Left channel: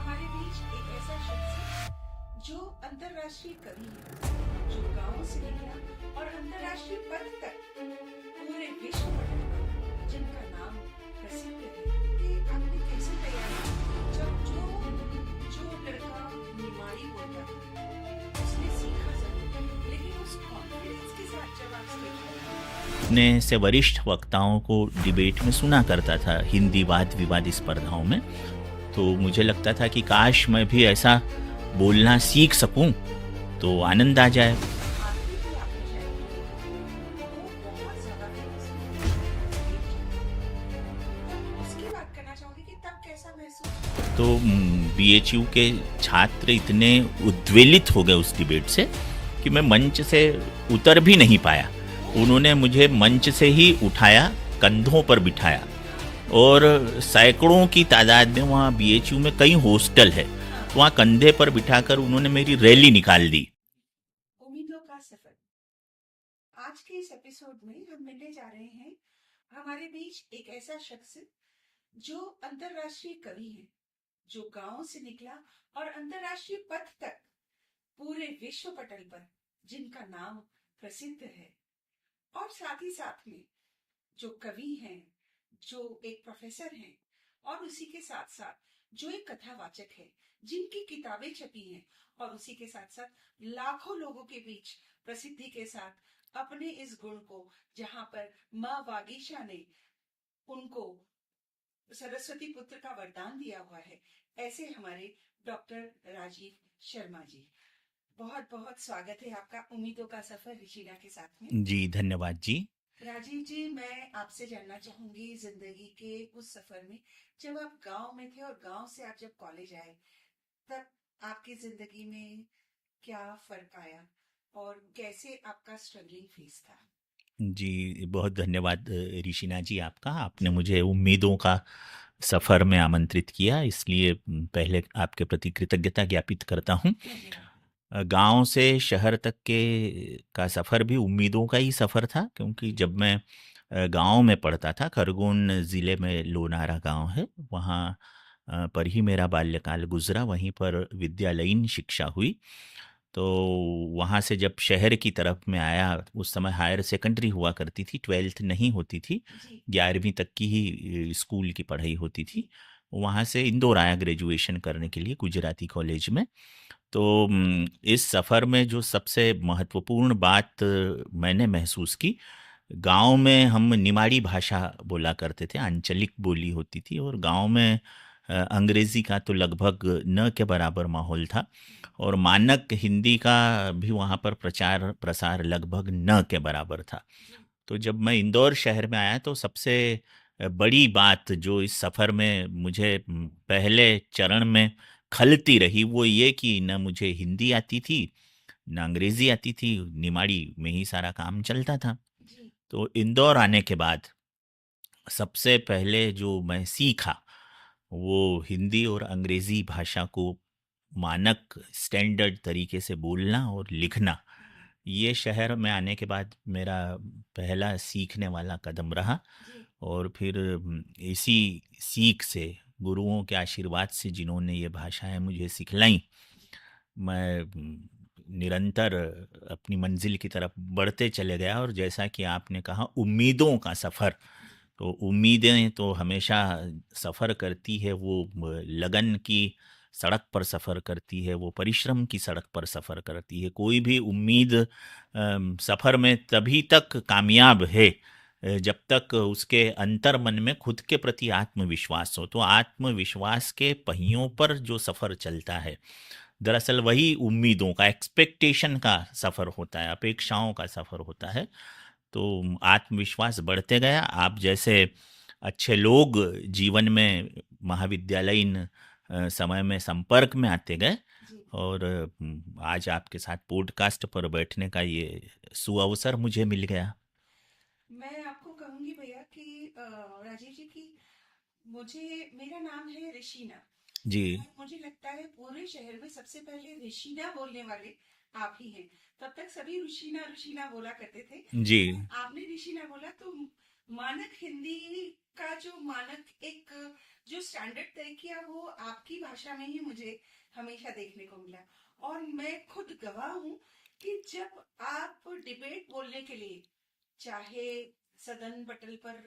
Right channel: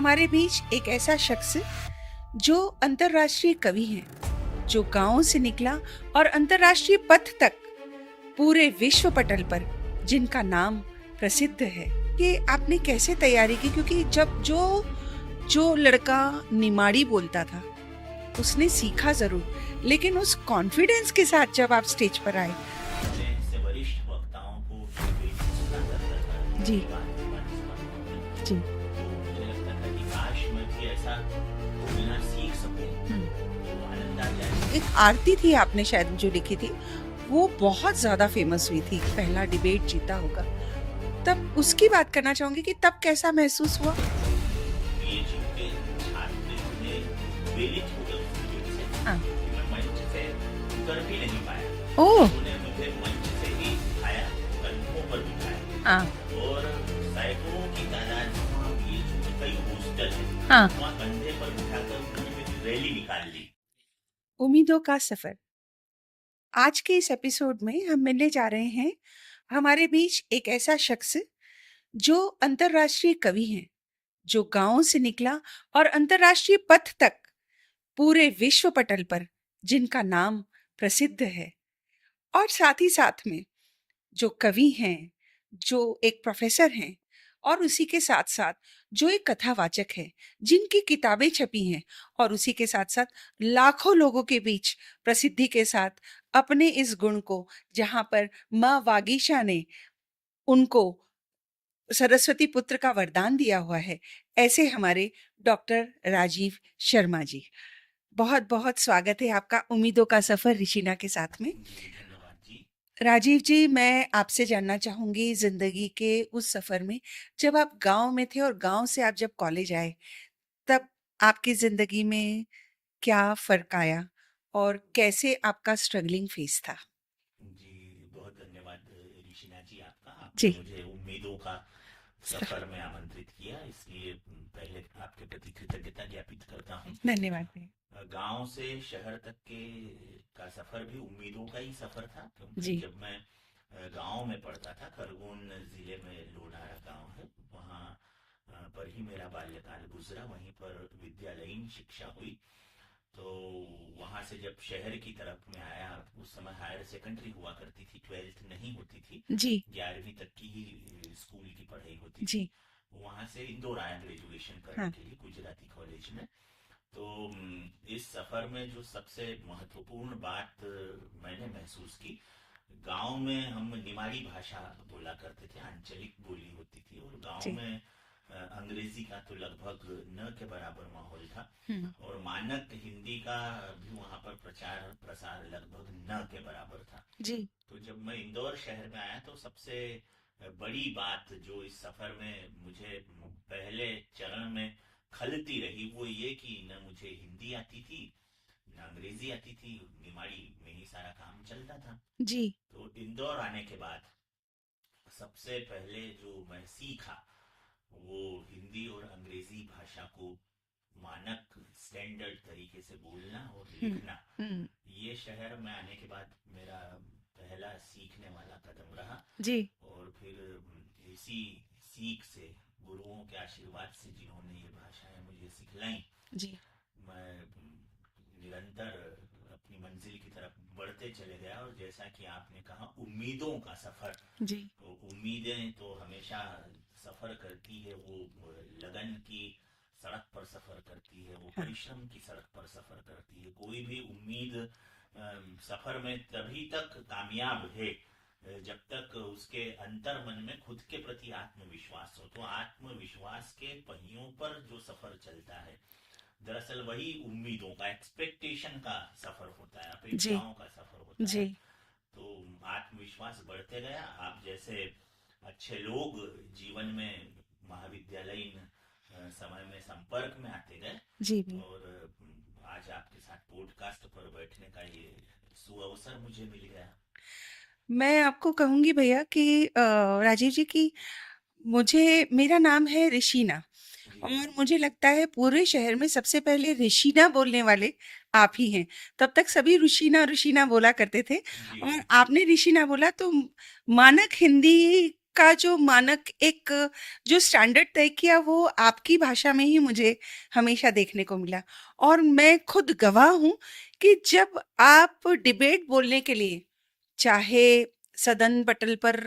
हमारे बीच एक ऐसा शख्स जो अंतर्राष्ट्रीय कवि है, जो गांव से निकला और अंतर्राष्ट्रीय पथ तक पूरे विश्व पटल पर जिनका नाम प्रसिद्ध है। कि आपने कैसे तैयारी की? क्योंकि जब जो जो लड़का निमाड़ी बोलता था उसने सीखा जरूर, लेकिन उस कॉन्फिडेंस के साथ जब आप स्टेज पर आए। अपने से वरिष्ठ वक्ताओं को डिबेट में सुना करता था, हिंदी जी। वाद विवाद स्पर्धाओं में। जी। तो मुझे लगता था कि काश मैं भी ऐसा बोलना सीख सकूं तो आनंद आ जाए। एक आरती थी आपने शायद जो लिखी थी, वो बहुत ज्यादा फेमस हुई थी, पहला डिबेट जीता होगा। तब उसकी बात करना चाहूंगी कि तब कैसा महसूस हुआ? तो बीएचयू के छात्र इतने उद्वेलित हो गए उस डिबेट से हाँ। कि मैं मंच से उतर भी नहीं पाया। ओह। उन्होंने मुझे मंच से ही उठाया, कंधों पर बिठाया हाँ। और सैकड़ों की तादाद में, वहाँ बीएचयू में कई हॉस्टल है, हाँ। वहाँ कंधे पर बिठाकर उन्होंने मेरी रैली निकाल दी। उम्मीदों का सफर। आज के इस एपिसोड में हम मिलने जा रहे हैं हमारे बीच एक ऐसा शख्स जो अंतर्राष्ट्रीय कवि हैं, जो गांव से निकला और अंतर्राष्ट्रीय पथ तक पूरे विश्व पटल पर जिनका नाम प्रसिद्ध है, और साथ ही साथ में जो कवि हैं, जो एक प्रोफेसर हैं, और उसी के साथ साथ जो एक कथावाचक है, जिनकी किताबें छपी हैं, और उसी के साथ साथ लाखों लोगों के बीच प्रसिद्धि के साथ अपने इस गुण को, जहां पर माँ वागीशा ने उनको सरस्वती पुत्र का वरदान दिया हुआ है, ऐसे हमारे डॉक्टर राजीव शर्मा जी। बहुत बहुत स्वागत है आपका उम्मीदों का सफर ऋषिना के साथ में। जी धन्यवाद जी। राजीव जी, मैं आपसे जानना चाहूंगी जिंदगी के उस सफर में, जब आप गांव में थे और गांव से आप जब कॉलेज आए, तब आपकी जिंदगी में क्या फर्क आया और कैसे आपका स्ट्रगलिंग फेस था? जी बहुत धन्यवाद ऋषिना जी, आपने जी। मुझे उम्मीदों का सफ़र में आमंत्रित किया, इसलिए पहले आपके प्रति कृतज्ञता ज्ञापित करता हूँ। धन्यवाद भैया। गांव से शहर तक के का सफ़र भी उम्मीदों का ही सफ़र था, क्योंकि जी। जब मैं गांव में पढ़ता था, खरगोन ज़िले में लोनारा गांव है, वहाँ पर ही मेरा बाल्यकाल गुजरा, वहीं पर विद्यालयीन शिक्षा हुई। तो वहाँ से जब शहर की तरफ में आया, उस समय हायर सेकेंडरी हुआ करती थी, 12th नहीं होती थी, जी। 11वीं तक की ही स्कूल की पढ़ाई होती थी। जी। वहाँ से इंदौर आया ग्रेजुएशन करने हाँ। के लिए गुजराती कॉलेज में। तो इस सफ़र में जो सबसे महत्वपूर्ण बात मैंने महसूस की, गांव में हम निमाड़ी भाषा बोला करते थे, आंचलिक बोली होती थी, और गांव जी। में अंग्रेज़ी का तो लगभग न के बराबर माहौल था, हम्म। और मानक हिंदी का भी वहाँ पर प्रचार प्रसार लगभग न के बराबर था। जी। तो जब मैं इंदौर शहर में आया, तो सबसे बड़ी बात जो इस सफ़र में मुझे पहले चरण में खलती रही, वो ये कि न मुझे हिंदी आती थी, ना अंग्रेज़ी आती थी, निमाड़ी में ही सारा काम चलता था। जी। तो इंदौर आने के बाद सबसे पहले जो मैं सीखा, वो हिंदी और अंग्रेज़ी भाषा को मानक स्टैंडर्ड तरीके से बोलना और हम्म। लिखना। हम्म। ये शहर में आने के बाद मेरा पहला सीखने वाला कदम रहा, जी। और फिर इसी सीख से, गुरुओं के आशीर्वाद से, जिन्होंने ये भाषाएं मुझे सिखलाई, जी। मैं निरंतर अपनी मंजिल की तरफ बढ़ते चले गया। और जैसा कि आपने कहा, उम्मीदों का सफ़र, जी। तो उम्मीदें तो हमेशा सफ़र करती है, वो लगन की सड़क पर सफ़र करती है, वो हाँ। परिश्रम की सड़क पर सफ़र करती है। कोई भी उम्मीद सफ़र में तभी तक कामयाब है जब तक उसके अंतर मन में खुद के प्रति आत्मविश्वास हो। तो आत्मविश्वास के पहियों पर जो सफ़र चलता है, दरअसल वही उम्मीदों का, एक्सपेक्टेशन का सफ़र होता है, जी। अपेक्षाओं का सफ़र होता जी। है। तो आत्मविश्वास बढ़ते गया। आप जैसे अच्छे लोग जीवन में महाविद्यालयीन समय में संपर्क में आते गए, जी भैया। और आज आपके साथ पॉडकास्ट पर बैठने का ये सुअवसर मुझे मिल गया। मैं आपको कहूंगी भैया कि राजीव जी की, मुझे, मेरा नाम है ऋषिना, जी। और मुझे लगता है पूरे शहर में सबसे पहले ऋषिना बोलने वाले आप ही हैं। तब तक सभी ऋषिना ऋषिना बोला करते थे, जी। और आपने ऋषिना बोला तो मानक हिंदी का जो मानक एक जो स्टैंडर्ड तय किया वो आपकी भाषा में ही मुझे हमेशा देखने को मिला। और मैं खुद गवाह हूँ कि जब आप डिबेट बोलने के लिए, चाहे सदन पटल पर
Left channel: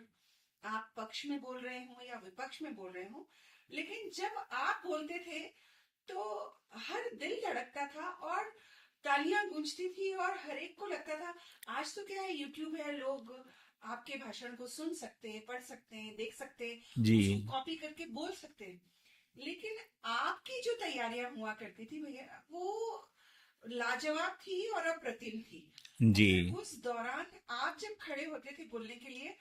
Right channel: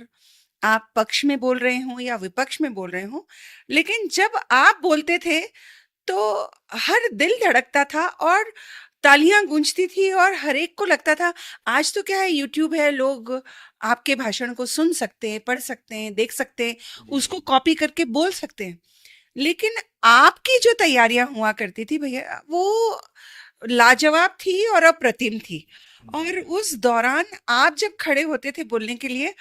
आप पक्ष में बोल रहे हों या विपक्ष में बोल रहे हों, लेकिन जब आप बोलते थे तो हर दिल धड़कता था और तालियां गूंजती थी और हर एक को लगता था आज तो क्या है, यूट्यूब है, लोग आपके भाषण को सुन सकते हैं, पढ़ सकते हैं, देख सकते हैं, जी उसको कॉपी करके बोल सकते हैं। लेकिन आपकी जो तैयारियां हुआ करती थी भैया, वो लाजवाब थी और अप्रतिम थी। जी और उस दौरान आप जब खड़े होते थे बोलने के लिए,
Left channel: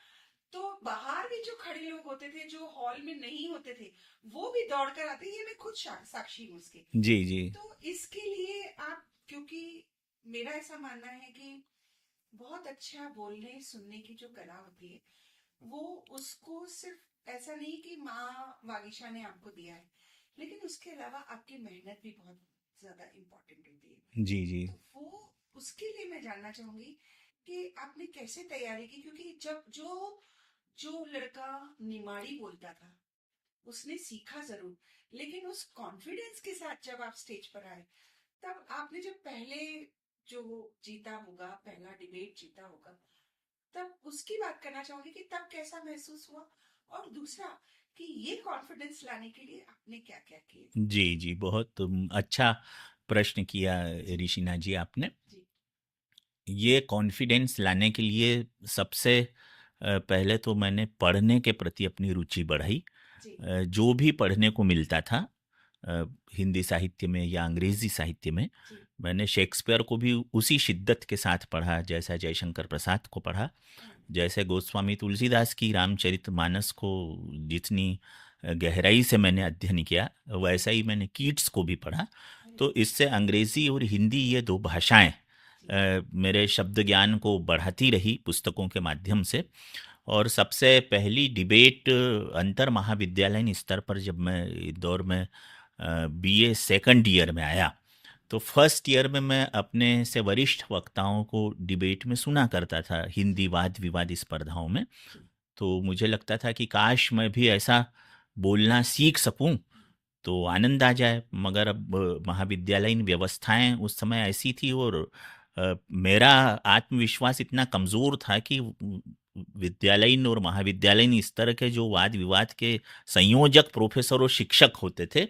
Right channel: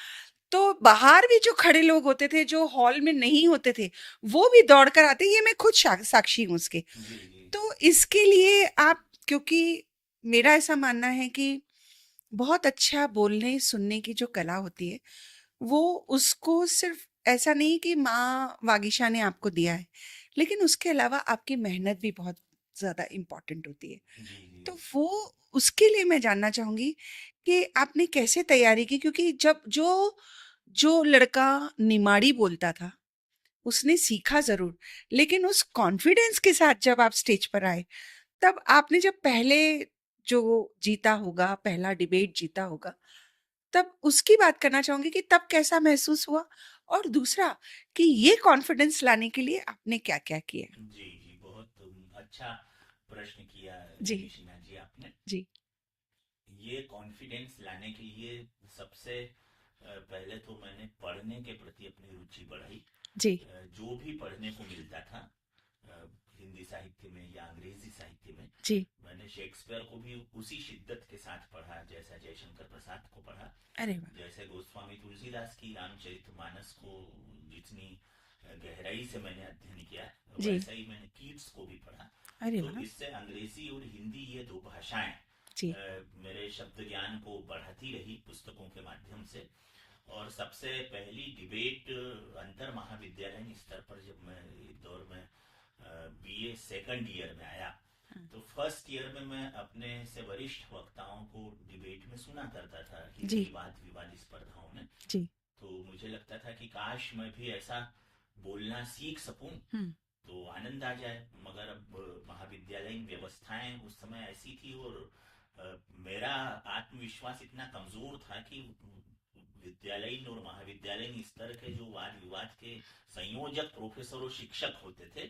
तो बाहर भी जो खड़े लोग होते थे, जो हॉल में नहीं होते थे, वो भी दौड़ कर आते। ये मैं खुद साक्षी हूँ उसके। जी जी तो इसके लिए आप, क्योंकि मेरा ऐसा मानना है कि बहुत अच्छा बोलने सुनने की जो कला होती है, वो उसको सिर्फ ऐसा नहीं कि माँ वागीशा ने आपको दिया है, लेकिन उसके अलावा आपकी मेहनत भी बहुत ज़्यादा इम्पोर्टेंट होती है। जी जी तो वो, उसके लिए मैं जानना चाहूँगी कि आपने कैसे तैयारी की? क्योंकि जब जो जो लड़का निमाड़ी बोलता था, उसने सीखा ज़रूर, लेकिन उस कॉन्फिडेंस के साथ जब आप स्टेज पर आए, तब आपने जब पहले जो जीता होगा, पहला डिबेट जीता होगा, तब उसकी बात करना चाहूँगी कि तब कैसा महसूस हुआ? और दूसरा कि ये कॉन्फिडेंस लाने के लिए आपने क्या-क्या किया? जी जी बहुत अच्छा प्रश्न किया जी, ऋषिना जी आपने। जी, ये कॉन्फिडेंस लाने के लिए सबसे पहले तो मैंने पढ़ने के प्रति अपनी रुचि बढ़ाई। जी, जो भी पढ़ने को मिलता था अ, हिंदी साहित्य में या अंग्रेजी साहित्य में, जी। मैंने शेक्सपियर को भी उसी शिद्दत के साथ पढ़ा जैसा जयशंकर प्रसाद को पढ़ा, अरे वाह! जैसे गोस्वामी तुलसीदास की रामचरितमानस को जितनी गहराई से मैंने अध्ययन किया, जी, वैसा ही मैंने कीट्स को भी पढ़ा। अरे तो वाह! इससे अंग्रेजी और हिंदी, ये दो भाषाएं जी, मेरे शब्द ज्ञान को बढ़ाती रही पुस्तकों के माध्यम से। और सबसे पहली डिबेट अंतर महाविद्यालयीन स्तर पर जब मैं इंदौर में बीए सेकंड ईयर में आया, हुँ, तो फर्स्ट ईयर में मैं अपने से वरिष्ठ वक्ताओं को डिबेट में सुना करता था, हिंदी जी, वाद विवाद स्पर्धाओं में। जी, तो मुझे लगता था कि काश मैं भी ऐसा बोलना सीख सकूं हुँ, तो आनंद आ जाए। मगर अब महाविद्यालयीन व्यवस्थाएं उस समय ऐसी थी, और मेरा आत्मविश्वास इतना कमज़ोर था कि विद्यालयीन और महाविद्यालयीन स्तर के जो वाद विवाद के संयोजक प्रोफेसर और शिक्षक होते थे,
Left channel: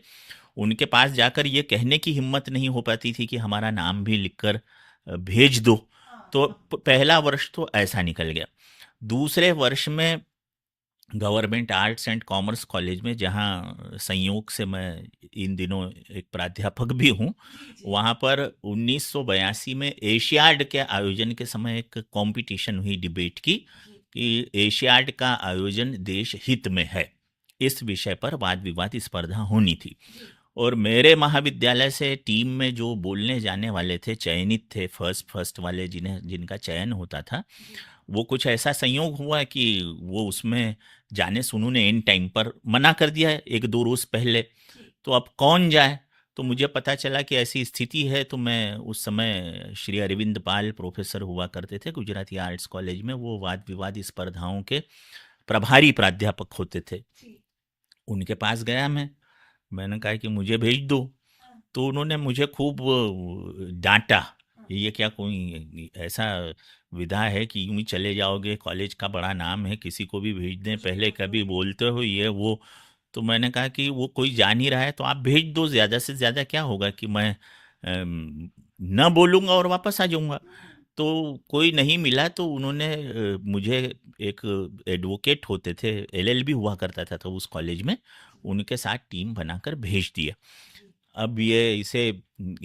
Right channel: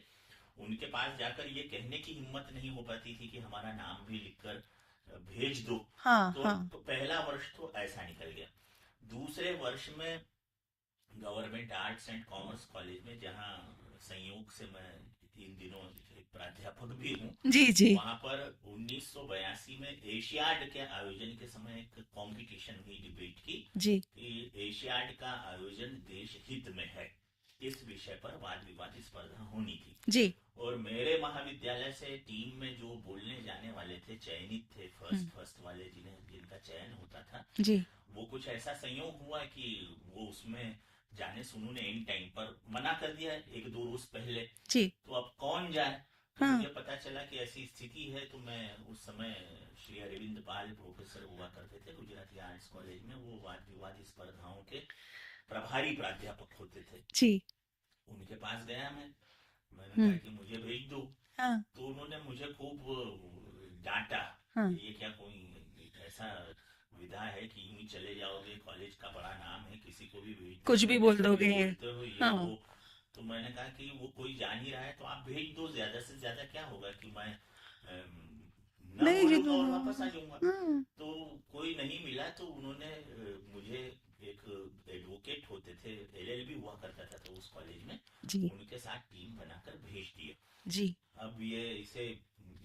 उनके पास जाकर ये कहने की हिम्मत नहीं हो पाती थी कि हमारा नाम भी लिखकर भेज दो। हाँ, तो हाँ, पहला वर्ष तो ऐसा निकल गया। दूसरे वर्ष में government arts and commerce college में, जहाँ संयोग से मैं इन दिनों एक प्राध्यापक भी हूँ, जी, जी, वहाँ पर 1982 में एशियाड के आयोजन के समय एक कंपटीशन हुई डिबेट की जी, कि एशियाड का आयोजन देश हित में है, इस विषय पर वाद विवाद स्पर्धा होनी थी। जी, और मेरे महाविद्यालय से टीम में जो बोलने जाने वाले थे, चयनित थे, फर्स्ट हुँ, फर्स्ट वाले जिन्हें जिनका चयन होता था, जी, वो कुछ ऐसा संयोग हुआ कि वो उसमें जाने से उन्होंने इन टाइम पर मना कर दिया है, एक दो रोज पहले। जी, तो अब कौन जाए? तो हाँ, मुझे पता चला कि ऐसी स्थिति है, तो मैं उस समय श्री अरविंद पाल प्रोफेसर हुआ करते थे गुजराती आर्ट्स कॉलेज में, वो वाद विवाद स्पर्धाओं के प्रभारी प्राध्यापक होते थे। जी, उनके पास गया मैं, मैंने कहा हुँ, कि मुझे भेज दो। हाँ, तो उन्होंने मुझे खूब डाँटा, हाँ, ये क्या कोई ऐसा विधा है कि यूँ ही चले जाओगे, कॉलेज का बड़ा नाम है, किसी को भी भेज दें, कुछ भी पहले बोल कभी दोगे। बोलते हो ये हाँ, वो। तो मैंने कहा कि वो कोई जा नहीं रहा है तो आप भेज दो, ज़्यादा से ज़्यादा क्या होगा कि मैं ना बोलूँगा और वापस आ जाऊँगा। हाँ, तो कोई नहीं मिला, तो उन्होंने मुझे, एक एडवोकेट होते थे, एलएलबी हुआ करता था तो उस कॉलेज में, जी, उनके साथ टीम बनाकर भेज दिया। जी, अब ये इसे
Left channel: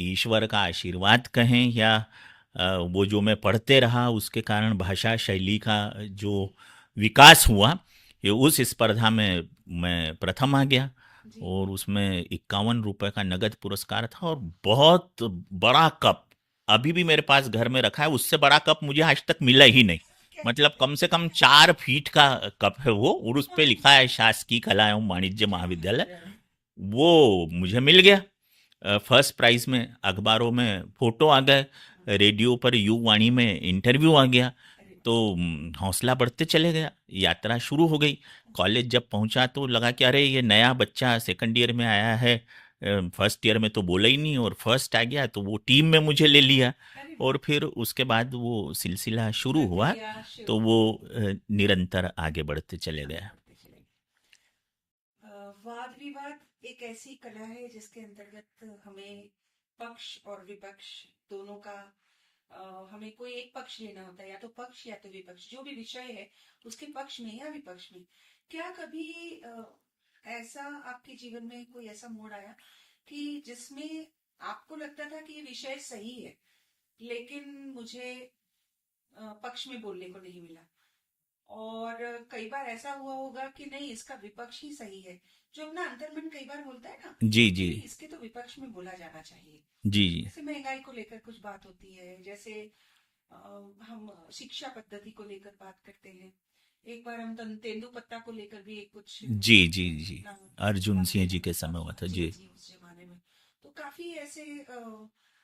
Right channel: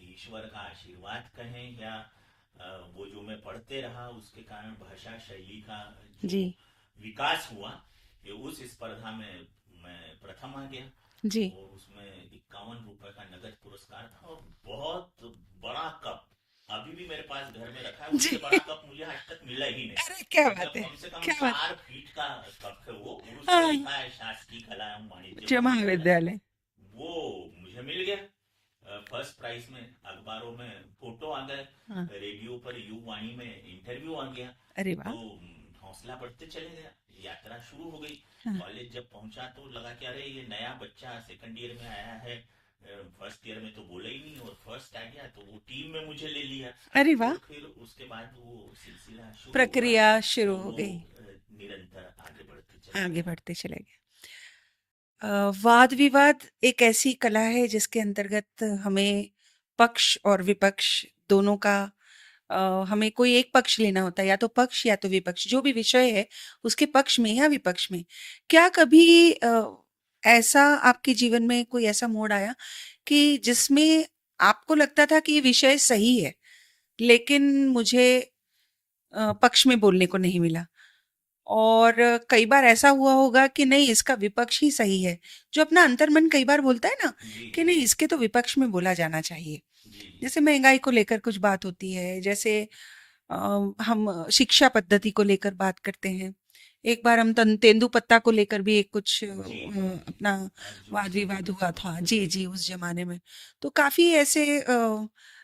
ईश्वर का आशीर्वाद कहें या वो जो मैं पढ़ते रहा उसके कारण भाषा शैली का जो जी, विकास हुआ, ये उस स्पर्धा में मैं प्रथम आ गया। जी। और उसमें 51 रुपए का नगद पुरस्कार था, और बहुत बड़ा कप अभी भी मेरे पास घर में रखा है, जी। उससे बड़ा कप मुझे आज तक मिला ही नहीं। अरे क्या मतलब बात है! कम से कम क्या बात 4 फीट का कप है वो, और उस पे हाँ, लिखा है शासकीय कला एवं वाणिज्य जय महाविद्यालय। महाविद्यालय। वो मुझे मिल गया। फर्स्ट प्राइज में अखबारों में फोटो आ गए, हाँ। रेडियो पर यू वाणी में इंटरव्यू आ गया। अरे तो वाह! हौसला बढ़ते चले गया, यात्रा शुरू हो गई। हाँ। कॉलेज जब पहुंचा तो लगा कि अरे ये नया बच्चा सेकंड ईयर में आया है, फर्स्ट ईयर में तो बोला ही नहीं और फर्स्ट आ गया, तो वो टीम में मुझे ले लिया। अरे वाह! और फिर उसके बाद वो सिलसिला शुरू हुआ, प्रक्रिया शुरू तो हो वो गई, निरंतर आगे बढ़ते चले आगे गया। बढ़ते चले गए। वाद-विवाद एक ऐसी कला है जिसके अंतर्गत हमें पक्ष और विपक्ष दोनों का हमें कोई एक पक्ष लेना होता है, या तो पक्ष या तो विपक्ष, जो भी विषय है उसके पक्ष में या विपक्ष में। क्या कभी ऐसा आपके जीवन में कोई ऐसा मोड़ आया कि जिसमें आपको लगता था कि ये विषय सही है, लेकिन मुझे पक्ष में बोलने को नहीं मिला? और कई बार ऐसा हुआ होगा कि नहीं, इसका विपक्ष ही सही है, जो अपना अंतर्मन कई बार बोलता है ना जी कि जी नहीं, इसके तो विपक्ष में बोला जाना चाहिए। जी जैसे महंगाई को लेकर कुछ बात होती है, जैसे हम शिक्षा पद्धति को लेकर बात करते हैं। एक बार हम तेंदुपत्ता को लेकर भी एक कुछ जी जी जी। अपना अर्जुन वाद सिंह जी विवाद के हुआ समय हुआ था। था जी जी। जी, उस जमाने में तो काफी ऐसे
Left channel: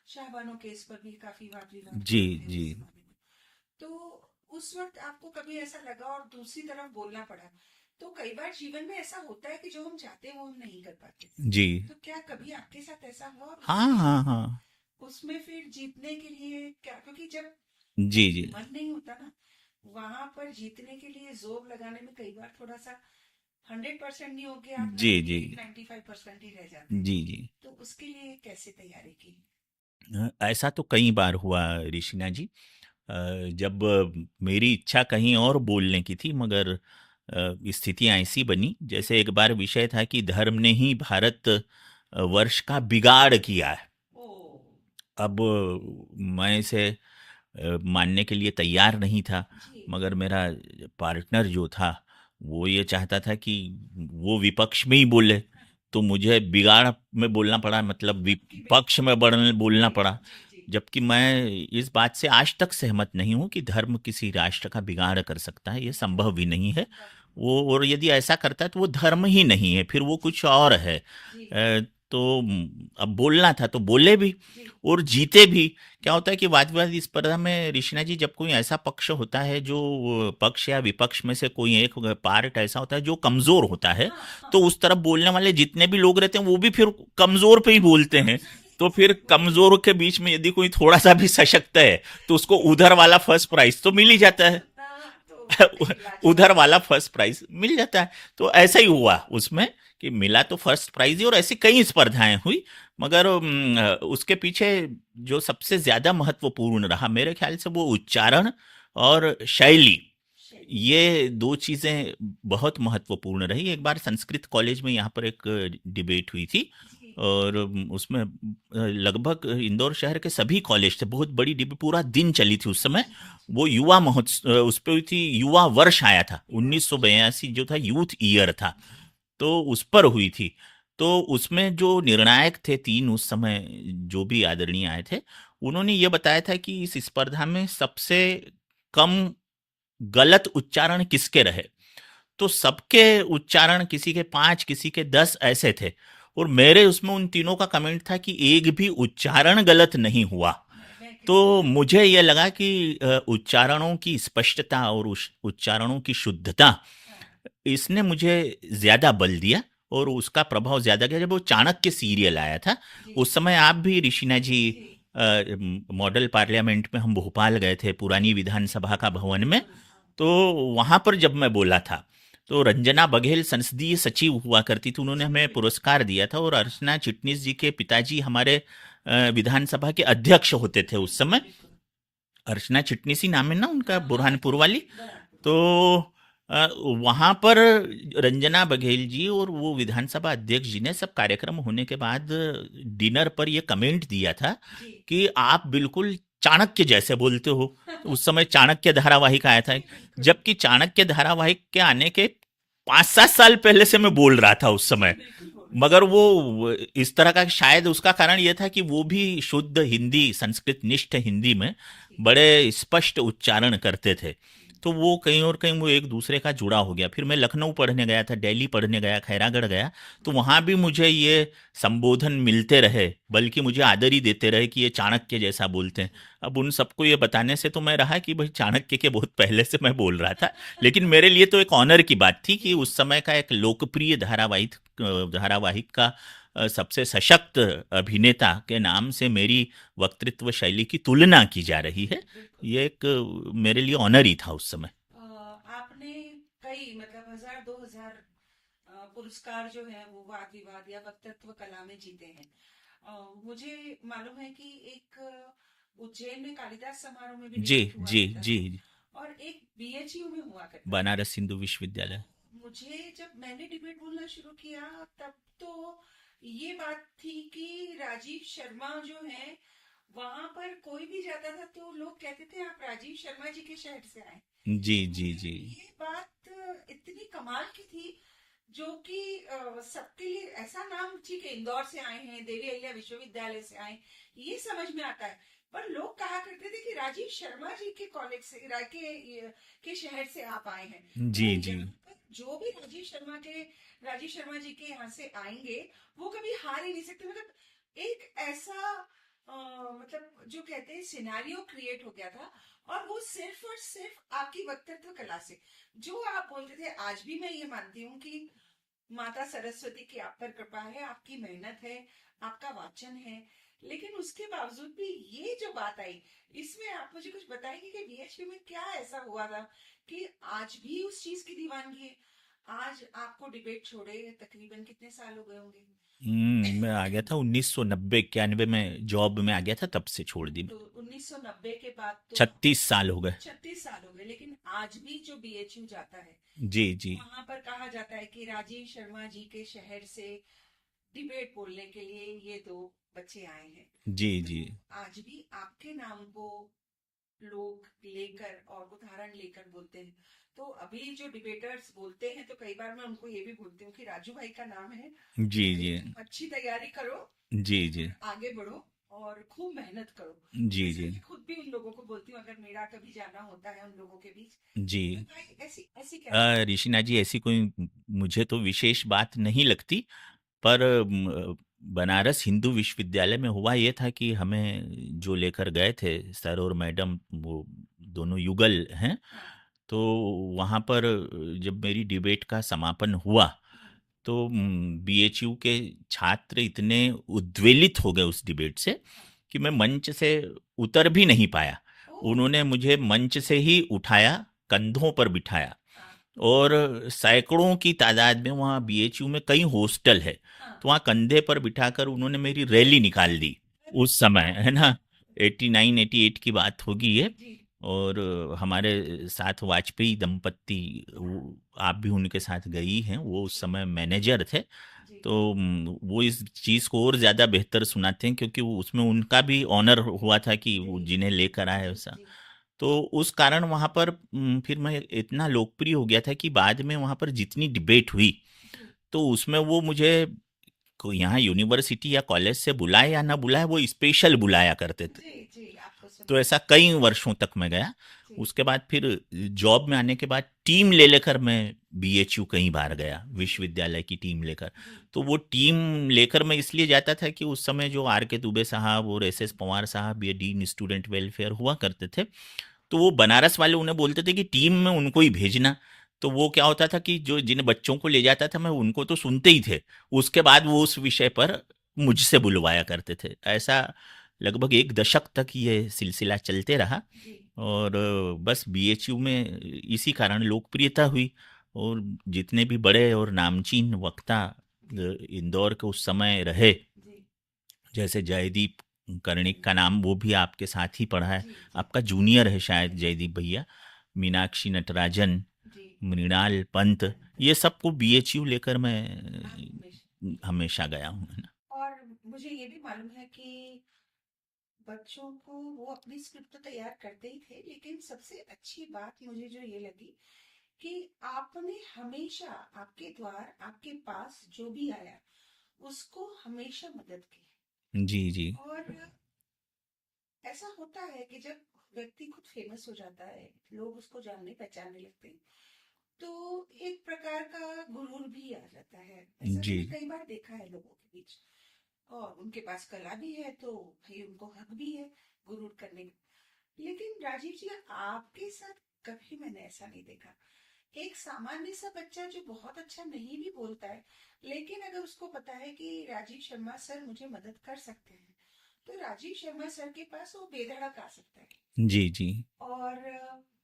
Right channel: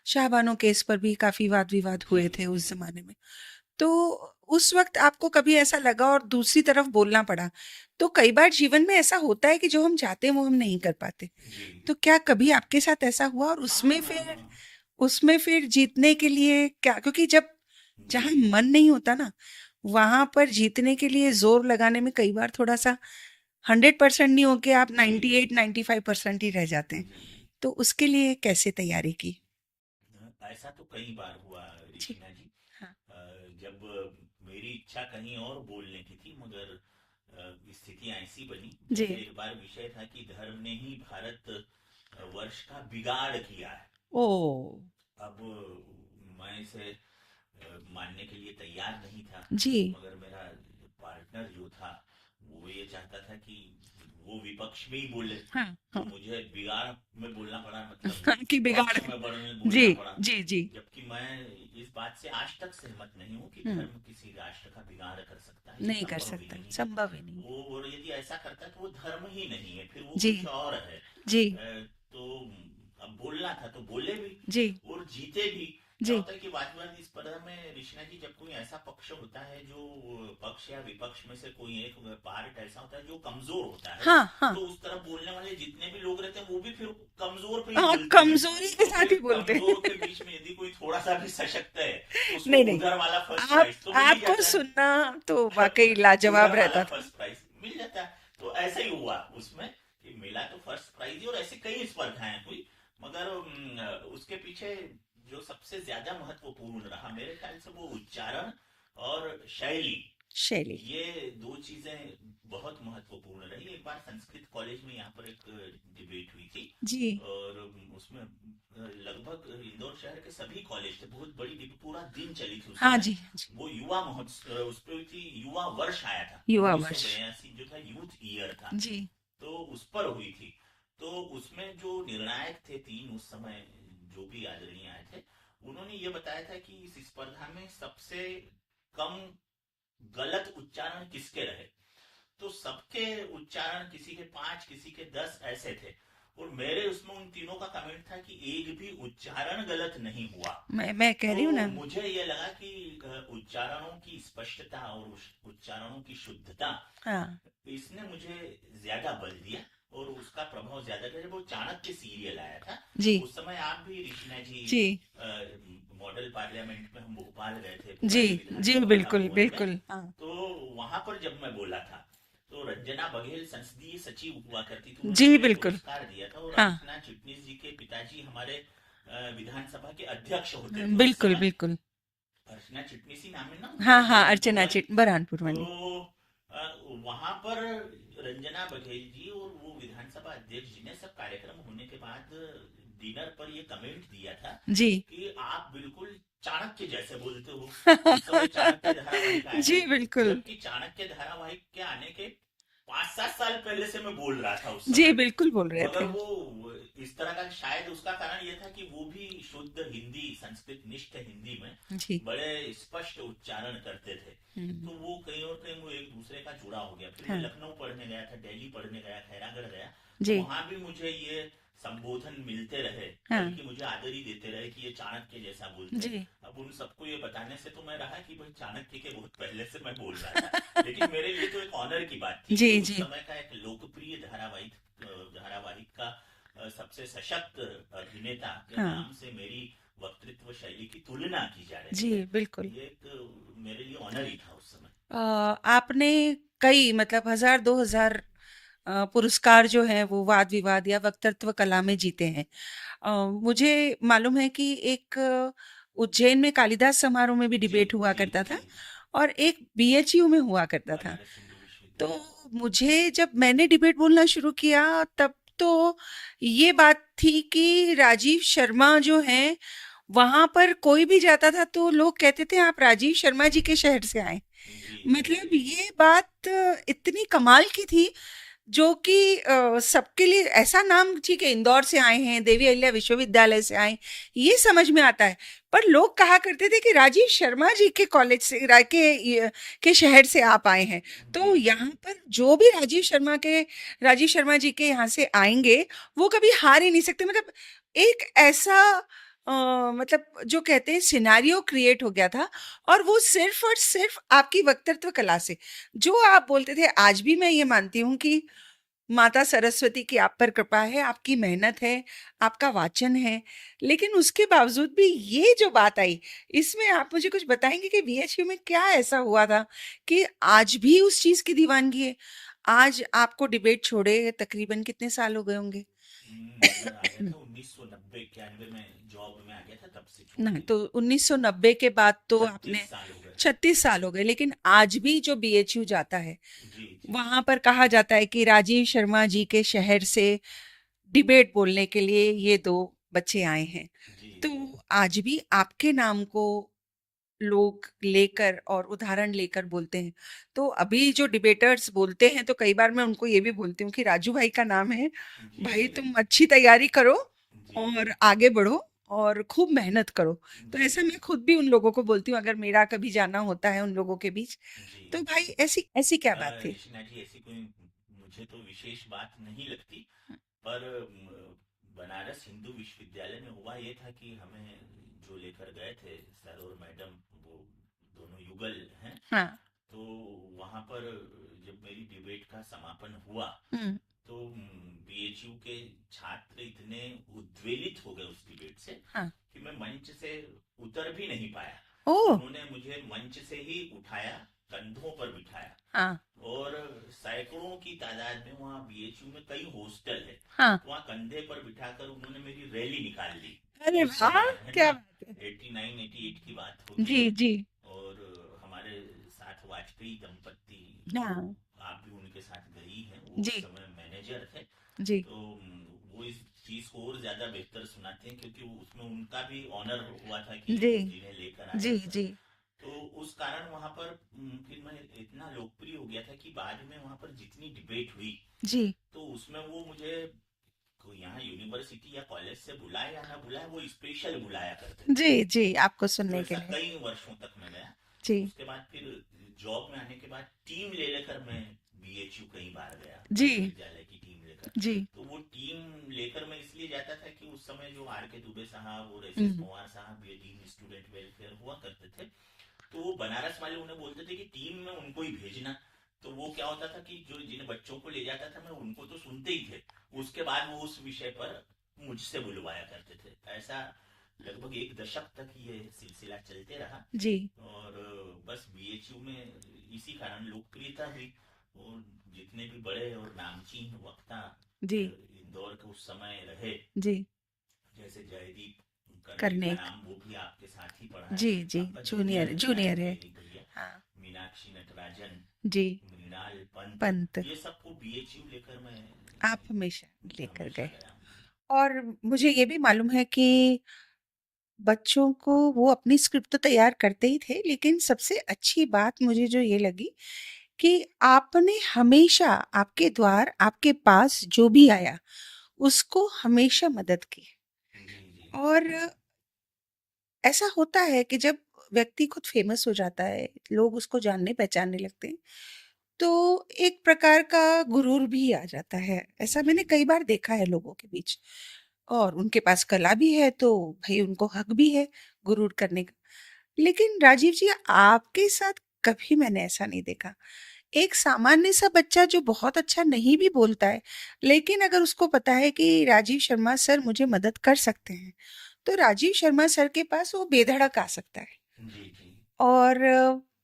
शाहबानो केस पर भी काफी वाद विवाद जी हुए थे जी। उस जमाने में। तो उस वक़्त आपको कभी ऐसा लगा और दूसरी तरफ बोलना पड़ा, तो कई बार जीवन में ऐसा होता है कि जो हम चाहते हैं वो हम नहीं कर पाते। जी। तो क्या कभी आपके साथ ऐसा हुआ, और हाँ हाँ हाँ। उसमें फिर जीतने के लिए क्या, क्योंकि जब जी जहाँ जी मन नहीं होता ना, वहाँ पर जीतने के लिए ज़ोर लगाने में कई बार थोड़ा-सा 100% नहीं होके आप जी जी 98-95% ही रह जाते हैं। जी जी। तो उसके लिए कैसे तैयारी की? ऐसा तो कई बार हुआ जी। ऋषिना जी। हाँ। जब मेरी इच्छा कहीं और बोलने की थी, मगर स्थितियां ऐसी बनी, जी। जैसे एक बार विषय था कि धर्म ने ही भारत वर्ष का बिगाड़ किया है। ओह! अब मैं इसे मानने के लिए तैयार नहीं था, जी। मगर मेरा पार्टनर जो था वो ये चाहता था कि वो विपक्ष में ही बोले, हाँ, तो हाँ। मुझे बिगाड़ में बोलना पड़ा, मतलब कि पक्ष बिगाड़ में बोलना जी, पड़ा। जी, जी। जबकि मैं इस बात से आज तक सहमत नहीं हूँ कि हुँ, धर्म किसी राष्ट्र का बिगाड़ कर सकता है, ये नहीं कर संभव भी सकता, नहीं है। संभव ही नहीं। वो, और यदि ऐसा करता है तो वो धर्म ही नहीं है, फिर वो जी, कुछ और है। जी, तो अब बोलना था तो बोले भी जी, और जीते भी। क्या जी। होता है कि वाद विवाद स्पर्धा में ऋषिना जी, जब कोई ऐसा पक्ष होता है, जो पक्ष या विपक्ष में से कोई एक पार्ट ऐसा होता है जो कमजोर होता है, हाँ, हाँ। तो उस तरफ बोलने वाले जितने भी लोग रहते हैं वो भी फिर कमजोर पे ही हाँ, बोलते हैं। कमज़ोरी के तो साथ फिर ही बोलते कमजोर के हैं। बीच में यदि कोई थोड़ा सा भी सशक्त है, तो उसको नहीं, नहीं, उधर वाला फर्स्ट आप प्राइज तो मिल ही आपको जाता है। सुनना तो वाक़ई उधर लाजवाब वाला रहता था। फर्स्ट प्राइज मिल जाता है। तो ऐसा ही हुआ उसमें कि मिला तो फर्स्ट प्राइज ही, और ऐसी कई स्पर्धाएं हुई। मगर उसके पीछे जो सबसे ज्यादा महत्वपूर्ण रहा मेरे ख्याल से, वो उच्चारण और शैली, शैली। ये दो चीजें बहुत महत्वपूर्ण रही। एक बार संस्कृत कॉलेज में यहाँ पर एक डिबेट हुई थी, जी। और उसमें लगभग इंदौर शहर के सभी कॉलेज थे, बहुत बड़ी डिबेट, पूरा दिन चली थी उस हाँ समय। जी, हाँ जी। वो युवा महोत्सव, उस पे हुई थी, युवा वर्ष आया था, युवा वर्ष। 1982 जो था, यूथ ईयर था, जी। तो उस पर हुई थी। तो उसमें जो निर्णायक थे तीन उस समय, जो भी आदरणीय आए थे, उन्होंने ये बताया था कि इस स्पर्धा में सबसे कम गलत उच्चारण किसके रहे। तो सबके उच्चारण, किसी के 5, किसी के 10 ऐसे थे, और मेरे उसमें उन तीनों का कमेंट था कि एक भी उच्चारण गलत नहीं हुआ। मैं कह तो रही हूँ ना। मुझे ये लगा कि उच्चारणों की स्पष्टता और उच्चारणों की शुद्धता, हाँ। इसने मुझे ज्यादा बल दिया, और उसका प्रभाव ज्यादा गया। जब वो चाणक्य सीरियल आया था, जी, उस समय आप भी ऋषिना जी, जी, मॉडल पार्लियामेंट में हम भोपाल गए थे, जी, पुरानी जी, विधानसभा का बिल्कुल, भवन में। बिल्कुल। हाँ। तो वहां पर जब मैं बोला था, तो रंजना बघेल संसदीय सचिव हुआ करती थी, उन्होंने जी, हमें बिल्कुल। पुरस्कार दिया था, और हाँ, अर्चना चिटनिस जी के पिताजी हमारे विधानसभा के अध्यक्ष होते थे उस बिल्कुल, समय। बिल्कुल। अर्चना चिटनिस ही नाम है ना उनका, हाँ, हाँ, बुरहानपुर अर्चना वाली। चिट बुरहानपुर तो वाली। अ, वहां पर रंजना बघेल जी और वो विधानसभा अध्यक्ष जी ने सब कार्यक्रम होने के बाद डिनर पर ये कमेंट दिया था जी। कि आप बिल्कुल चाणक्य जैसे बोलते हो। उस समय चाणक्य धारावाहिक आया था, जी, बिल्कुल। जबकि चाणक्य धारावाहिक के आने के 5-7 साल पहले से मैं बोल रहा था उस जी, समय। बिल्कुल बोल रहे मगर थे। वो इस तरह का, शायद उसका कारण ये था कि वो भी शुद्ध हिंदी, संस्कृत निष्ठ हिंदी में जी। बड़े स्पष्ट उच्चारण करते थे। हुँ। तो वो कहीं और कहीं वो एक दूसरे का जुड़ा हो गया। फिर मैं हाँ, लखनऊ पढ़ने गया था, दिल्ली पढ़ने गया, खैरागढ़ गया, तो जी, वहाँ भी मुझे ये संबोधन मिलते रहे, हाँ, बल्कि मुझे आदर ही देते रहे कि ये चाणक्य जैसा बोलते हैं। जी। अब उन सबको ये बताने से तो मैं रहा कि भाई चाणक्य के बहुत पहले से मैं बोल रहा था, लेकिन मेरे लिए तो एक ऑनर की बात थी कि जी, उस जी। समय का एक लोकप्रिय धारावाहिक का सबसे सशक्त अभिनेता के हाँ, नाम से मेरी वक्तृत्व शैली की तुलना की जा रही जी, है। बिल्कुल। ये एक मेरे लिए ऑनर ही था उस समय। आपने कई मतलब 1000 2000 पुरस्कार जो हैं वो वाद-विवाद या वक्तृत्व कला में जीते हैं। मुझे मालूम है कि एक उज्जैन में कालिदास समारोह में भी जी, डिबेट हुआ जी, करता जी। था और एक बीएचयू में हुआ करता था। बनारस हिंदू तो विश्वविद्यालय। मुझे जब मैंने डिबेट बोलना शुरू किया तब तो ये बात थी कि राजीव शर्मा जो हैं वहाँ पर कोई भी जाता था तो लोग कहते थे आप राजीव शर्मा जी के शहर से आए। जी, जी, मतलब जी। ये बात इतनी कमाल की थी जो कि सबके लिए ऐसा नाम ठीक है इंदौर से आए हैं, देवी अहिल्या विश्वविद्यालय से आए, ये समझ में आता है। पर लोग कहा करते थे कि राजीव शर्मा जी के कॉलेज से के शहर से आप आए हैं। जी, तो जी। यहाँ पर जो भी राजीव शर्मा जी के यहाँ से आएँगे, वो कभी हार ही नहीं सकते। मतलब एक ऐसा मतलब जो कहते हैं सिनेरियो क्रिएट हो गया था और वो सिर्फ़ और सिर्फ़ आपकी वक्तृत्व कला से। जो आप बोलते थे आज भी मैं ये मानती हूँ कि माता सरस्वती की आप पर कृपा है, आपकी मेहनत है, आपका वाचन है, लेकिन उसके बावजूद भी ये जो बात आई, इसमें आप मुझे कुछ बताएँगे कि बीएचयू में क्या ऐसा हुआ था कि आज भी उस चीज़ की दीवानगी है? आज आपको डिबेट छोड़े तकरीबन कितने साल हो गए होंगे? मैं आ गया था 1990-91 में, जॉब में आ गया था, तब से छोड़ ना, दी। तो 1990 के बाद तो 36 आपने साल हो गए। 36 साल हो गए, लेकिन आज भी जो बीएचयू जाता है, जी, जी। वहाँ पर कहा जाता है कि राजीव शर्मा जी के शहर से डिबेट बोलने के लिए ये 2 बच्चे आए हैं। जी, तो जी। आज भी आपके नाम को लोग लेकर और उदाहरण लेकर बोलते हैं। तो अभी जो डिबेटर्स बोलते हैं तो कई बार मैं उनको ये भी बोलती हूँ कि राजू भाई का नाम है, जी, भाई जी। तुम अच्छी तैयारी करो जी, जी। और आगे बढ़ो और खूब मेहनत करो। तो जी, ऐसा जी। मैं खुद भी उन लोगों को बोलती हूँ अगर मेरा कभी जाना होता है उन लोगों के बीच, जी। तो भाई ऐसी ऐसी क्या बात है? ऋषिना जी, ऐसी कोई मुझे तो विशेष बात नहीं लगती, पर बनारस हिंदू विश्वविद्यालय में हुआ ये था कि हमें जो लेकर गए थे सर और मैडम, वो दोनों युगल हैं, हाँ। तो वहाँ पर जब मेरी डिबेट का समापन हुआ, हुँ, तो बीएचयू के छात्र इतने उद्वेलित हो गए उस डिबेट से हाँ। कि मैं मंच से उतर भी नहीं पाया। ओह! उन्होंने मुझे मंच से ही उठाया, कंधों पर बिठाया, हाँ, और सैकड़ों की तादाद में, वहाँ बीएचयू में कई हॉस्टल है, हाँ। तो वहाँ कंधे पर बिठाकर उन्होंने मेरी रैली निकाल दी अरे उस वाह! समय, है क्या ना। बात है। 89 88 की बात होगी जी, ये। जी। और हमारे साथ वाजपेयी दंपत्ति, हाँ, आप भी उनके साथ गई हैं, वो उस जी, समय मैनेजर थे। जी, तो वो इस चीज़ को और ज़्यादा बेहतर सुनाते हैं, क्योंकि वो उसमें उनका भी ऑनर हुआ था कि जी, वो जिन्हें लेकर आए जी, ऐसा। जी, तो उस कारण वहाँ पर फिर मैं इतना लोकप्रिय हो गया था कि बाद में वहाँ पर जितनी डिबेट हुई, जी, तो उसमें वो मुझे यहाँ यूनिवर्सिटी या कॉलेज से बुलाए या ना बुलाए, वो स्पेशल बुलाया करते थे। जी, जी, आपको तो सुनने के ऐसा लिए। कई वर्षों तक मैं गया। जी, उसके बाद फिर जॉब में आने के बाद टीम ले लेकर मैं बीएचयू कई बार गया, जी, विश्वविद्यालय की टीम लेकर। जी, तो वो टीम लेकर मैं इसलिए जाता था कि उस समय जो आर के दुबे साहब और एस एस हुँ, पवार साहब, ये डीन स्टूडेंट वेलफेयर हुआ करते थे, तो वो बनारस वाले उन्हें बोलते थे कि टीम में उनको ही भेजना। तो वो क्या होता था कि जो जिन बच्चों को ले जाता था मैं, उनको तो सुनते ही थे, उसके बाद वो उस विषय पर मुझसे बुलवाया करते थे। ऐसा लगभग 1 दशक तक ये सिलसिला चलते रहा। जी, और बस बीएचयू में इसी कारण लोकप्रियता हुई, और जितने भी बड़े और नामचीन वक्ता जी, इंदौर के उस समय रहे, जी, जैसे जयदीप कर्णिक का करने नाम वो भी आपके साथ ही पढ़ा है, जी, जी, आपका जूनियर जूनियर है शायद जूनियर है। जयदीप भैया, हाँ, मीनाक्षी नटराजन, जी, मृणाल पंत, पंत, ये सबको बीएचयू लेकर मैं आप हमेशा लेकर हमेशा गए गया हूँ। और मुझे ये भी मालूम है कि बच्चों को वो अपनी स्क्रिप्ट तो तैयार करते ही थे, लेकिन सबसे अच्छी बात मुझे जो ये लगी कि आपने हमेशा आपके द्वार, आपके पास जो भी आया, उसको हमेशा मदद की। जी, जी। और ऐसा होता है कि जब व्यक्ति खुद फेमस हो जाता है, लोग उसको जानने-पहचानने लगते हैं, तो एक प्रकार का गुरूर भी आ जाता है। ऐसा जी, मैंने कई बार देखा है लोगों के बीच। और उनके पास कला भी है, तो भई उनको हक भी है गुरूर करने का। लेकिन राजीव जी, आपके साथ कभी मैंने ऐसा नहीं देखा। एक सामान्य सा बच्चा जो बहुत अच्छा नहीं भी बोलता है, लेकिन अगर उसको पता है कि राजीव शर्मा सर मुझे मदद कर सकते हैं, तो राजीव शर्मा सर के पास वो बेधड़क आ सकता है। जी, जी। और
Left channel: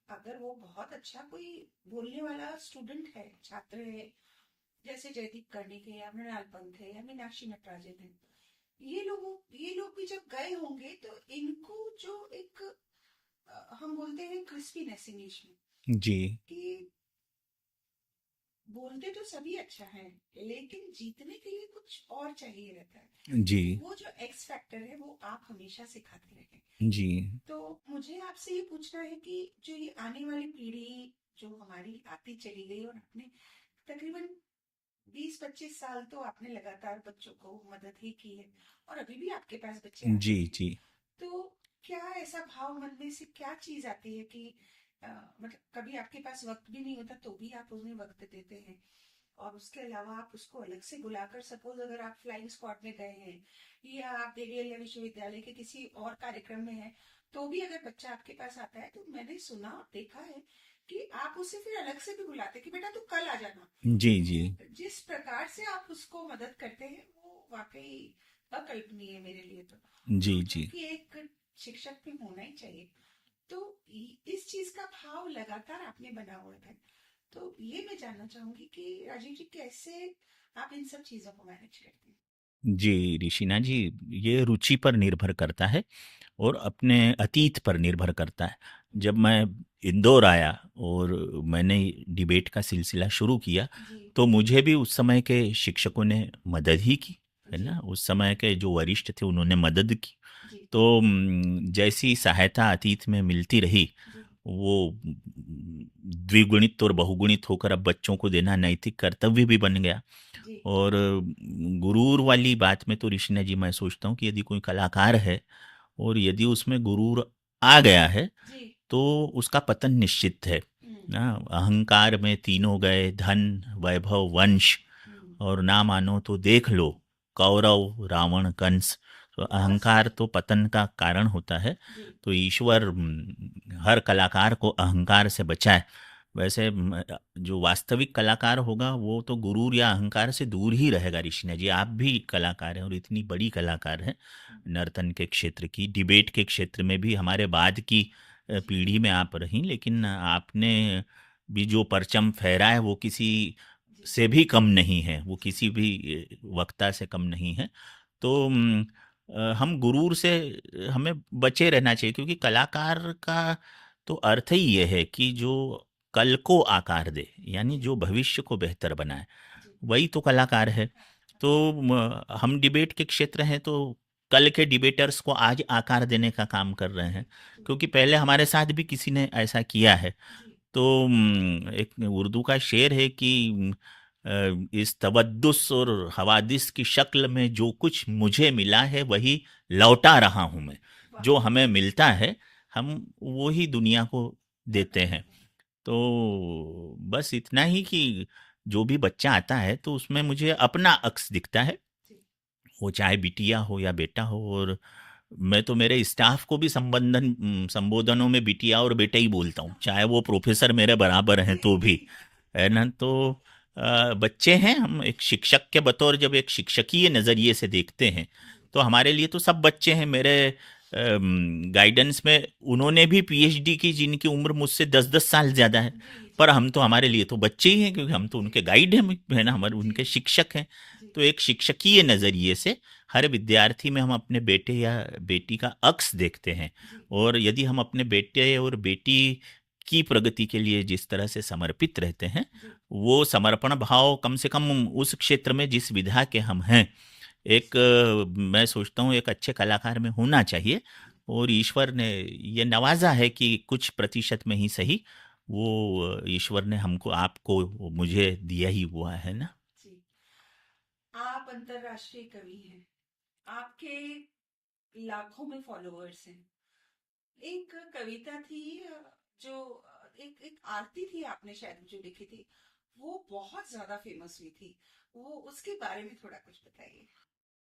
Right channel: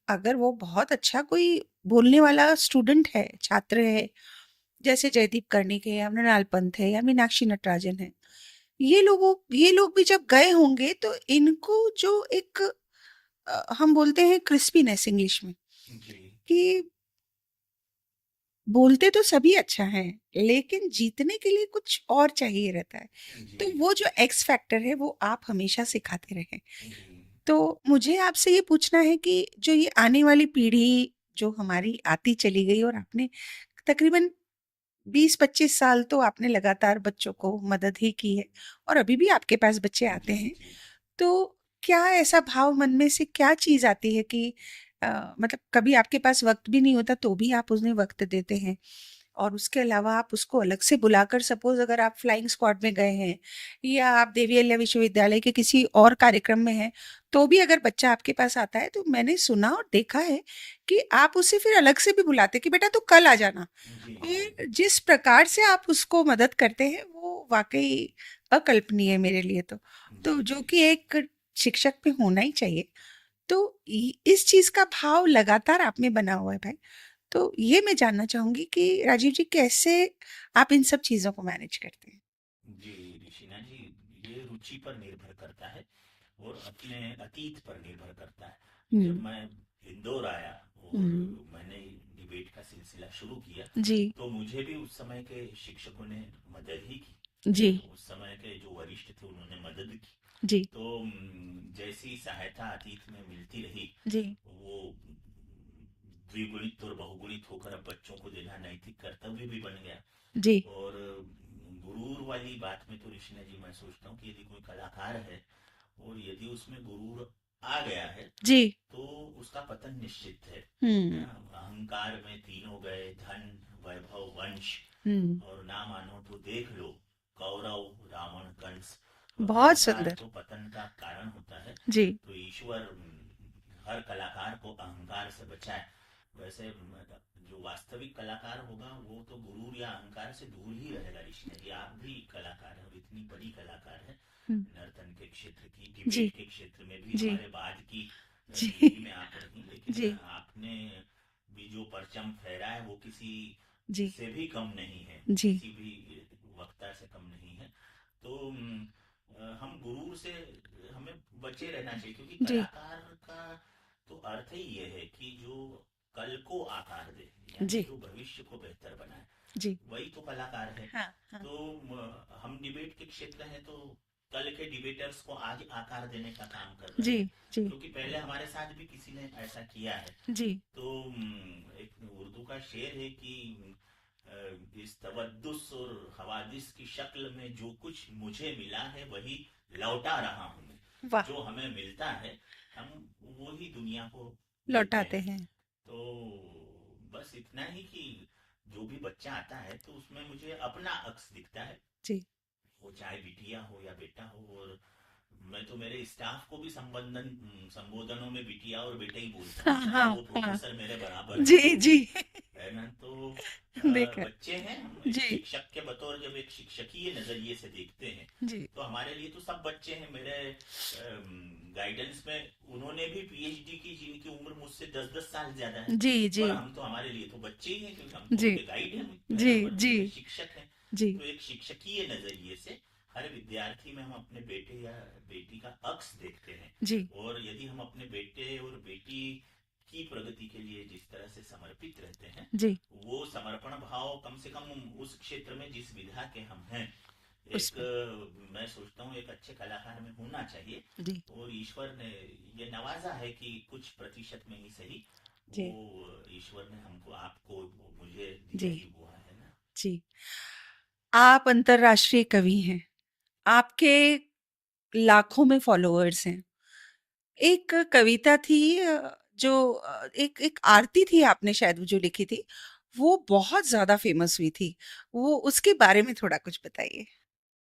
अगर वो बहुत अच्छा कोई बोलने वाला स्टूडेंट है, छात्र है, जैसे जयदीप कर्णिक है या मृणाल पंत है या मीनाक्षी नटराजन है, ये लोग भी जब गए होंगे तो इनको जो एक हम बोलते हैं क्रिस्पीनेस इंग्लिश में, जी, कि बोलते तो सभी अच्छा हैं, लेकिन जीतने के लिए कुछ और चाहिए रहता है। जी, तो वो जो एक्स फैक्टर है वो आप हमेशा सिखाते रहे। जी। तो मुझे आपसे ये पूछना है कि जो ये आने वाली पीढ़ी जो हमारी आती चली गई, और आपने तकरीबन 20-25 साल तो आपने लगातार बच्चों को मदद ही की है, और अभी भी आपके पास बच्चे आते जी, हैं। जी। तो क्या ऐसा भाव मन में से क्या चीज़ आती है कि मतलब कभी आपके पास वक़्त भी नहीं होता तो भी आप उन्हें वक़्त देते हैं, और उसके अलावा आप उसको अलग से बुलाकर, सपोज़ अगर आप फ्लाइंग स्क्वाड में गए हैं या आप देवी अहिल्या विश्वविद्यालय के किसी और कार्यक्रम में हैं, तो भी अगर बच्चा आपके पास आता है तो मैंने सुना और देखा है कि आप उसे फिर अलग से भी बुलाते हैं कि बेटा तू कल आ जाना। जी, जी। और जिस प्रकार से आप उसको मदद करते हैं वो वाक़ई अकल्पनीय है मेरे लिए तो। तो जी, जो जी। कि एक शिक्षक में होना ही चाहिए। तो इस चीज का भाव लगातार आप में बना हुआ है भाई। तो ये मैं जानना चाहूंगी कि राजीव जी, कैसे आप इन सब चीजों को मैनेज करते हैं? जी, ऋषिना जी, ये रुचि पर निर्भर करता है और अपने अतीत पर निर्भर करता है। जब हम्म। मैं इंदौर आया और हम्म। मैंने डिबेट का सिलसिला शुरू किया, जी। तो मुझे भी उस समय के शिक्षकों ने मदद ही की, है जी। ना? उस समय के जो वरिष्ठ थे उन्होंने मदद की। जी। तो जैसी सहायता अतीत में मिलती रही, जी। वो द्विगुणित और बहुगुणित होकर अब बच्चों को देना नैतिक कर्तव्य भी बन गया। जी। और गुरूर वाली बात में तो ऋषिना जी, मैं सोचता हूँ कि यदि कोई कलाकार है और यदि उसमें गुरूर आ गया है, जी। तो उसका पतन निश्चित है। हम्म। ना, अहंकार में तीनों गए, धन, वैभव, वंश, हम्म। और ना मानो तो देख लो, कौरव, रावण, कंस। तो बहुत अहंकार सुंदर। तो पतन का कारण होता है। जी। तो ईश्वर हर कलाकार को अहंकार से बचाए। वैसे जो वास्तविक कलाकार होगा वो तो गुरूर या अहंकार से दूर ही रहेगा। ऋषिना जी, आप भी कलाकार हैं और इतनी बड़ी कलाकार हैं, हम्म। नर्तन के क्षेत्र की, जी। डिबेट के क्षेत्र में भी जी। हमारे बाद की जी। पीढ़ी में आप रहीं, लेकिन जी। आपने भी जो परचम फहरा है वो किसी जी। से भी कम नहीं है, वो जी। किसी भी वक्ता से कम नहीं है। तो हम गुरूर से हमें बचे रहना चाहिए, क्योंकि जी। कलाकार का तो अर्थ ही ये है कि जो कल को आकार दे, यानी जी। जो भविष्य को बेहतर बनाए, जी। वही तो कलाकार है। हाँ। हाँ। तो हम डिबेट के क्षेत्र हैं, तो कल के डिबेटर्स को आज आकार देने का काम कर रहे जी। हैं, जी। क्योंकि पहले हमारे साथ भी किसी ने ऐसा किया है। जी। तो एक उर्दू का शेर है कि इस तवद्दुस और हवादिस की शक्ल में जो कुछ मुझे मिला है वही लौटा रहा हूं मैं। वाह। जो हमें मिलता है हम वो ही दुनिया को देते लौटाते हैं। हैं। तो बस इतना ही कि जो भी बच्चा आता है तो उसमें मुझे अपना अक्स दिखता है, जी। वो चाहे बिटिया हो या बेटा हो। और मैं तो मेरे स्टाफ को भी संबोधनों में बिटिया और बेटा ही बोलता हूँ, हाँ, चाहे हाँ, वो हाँ। प्रोफेसर मेरे बराबर हैं जी, तो भी, जी। है ना? तो देखा है। बच्चे हैं, हम एक जी। शिक्षक के बतौर जब एक शिक्षकीय नज़रिए से देखते हैं, जी। तो हमारे लिए तो सब बच्चे हैं। मेरे गाइडेंस में उन्होंने भी पीएचडी की जिनकी उम्र मुझसे 10-10 साल ज़्यादा है, जी। जी। पर हम तो हमारे लिए तो बच्चे ही हैं, क्योंकि हम तो जी। उनके गाइड हैं, है ना? जी। हमारे जी। उनके शिक्षक हैं। जी। तो एक शिक्षकीय नज़रिए से हर विद्यार्थी में हम अपने बेटे या बेटी का अक्स देखते हैं। जी। और यदि हम अपने बेटे और बेटी की प्रगति के लिए जिस तरह से समर्पित रहते हैं, जी। वो समर्पण भाव कम से कम उस क्षेत्र में जिस विधा के हम हैं, उस एक मैं सोचता हूँ एक अच्छे कलाकार में होना चाहिए। जी। और ईश्वर ने ये नवाजा है कि कुछ प्रतिशत में ही सही जी, वो ईश्वर ने हमको, आपको, मुझे दिया जी, ही हुआ है ना। जी। आप अंतर्राष्ट्रीय कवि हैं। आपके लाखों में फॉलोअर्स हैं। एक कविता थी जो एक एक आरती थी आपने शायद वो जो लिखी थी, वो बहुत ज़्यादा फ़ेमस हुई थी। वो उसके बारे में थोड़ा कुछ बताइए?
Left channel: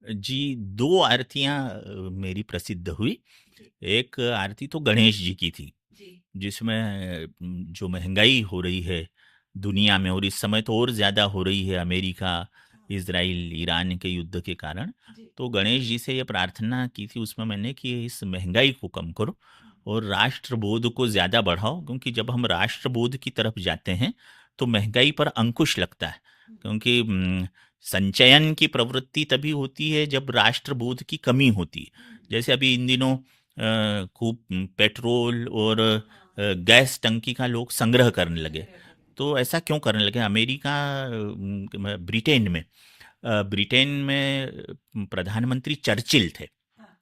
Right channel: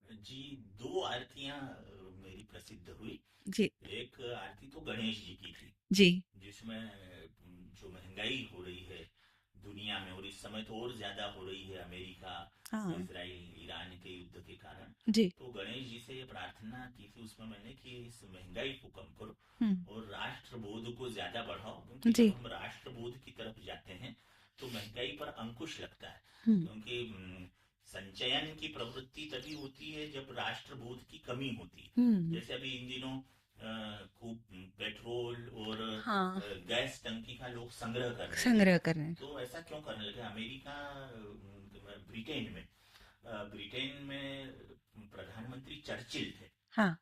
जी, 2 आरतियाँ मेरी प्रसिद्ध हुई। जी, एक आरती तो गणेश जी की थी, जी। जिसमें जो महँगाई हो रही है दुनिया में, और इस समय तो और ज़्यादा हो रही है अमेरिका, हाँ, इज़राइल, ईरान के युद्ध के कारण। जी। तो गणेश जी से ये प्रार्थना की थी उसमें मैंने कि इस महँगाई को कम करो हुँ, और राष्ट्रबोध को ज़्यादा बढ़ाओ, क्योंकि जब जी। हम राष्ट्रबोध की तरफ जाते हैं, तो महँगाई पर अंकुश लगता है। हुँ, क्योंकि संचयन की प्रवृत्ति तभी होती है जब राष्ट्रबोध की कमी होती है। हुँ। जैसे अभी इन दिनों खूब पेट्रोल और हाँ, गैस टंकी का लोग संग्रह करने लगे। संग्रह कर रहे हैं। तो ऐसा क्यों करने लगे? अमेरिका, ब्रिटेन में प्रधानमंत्री चर्चिल थे, हाँ,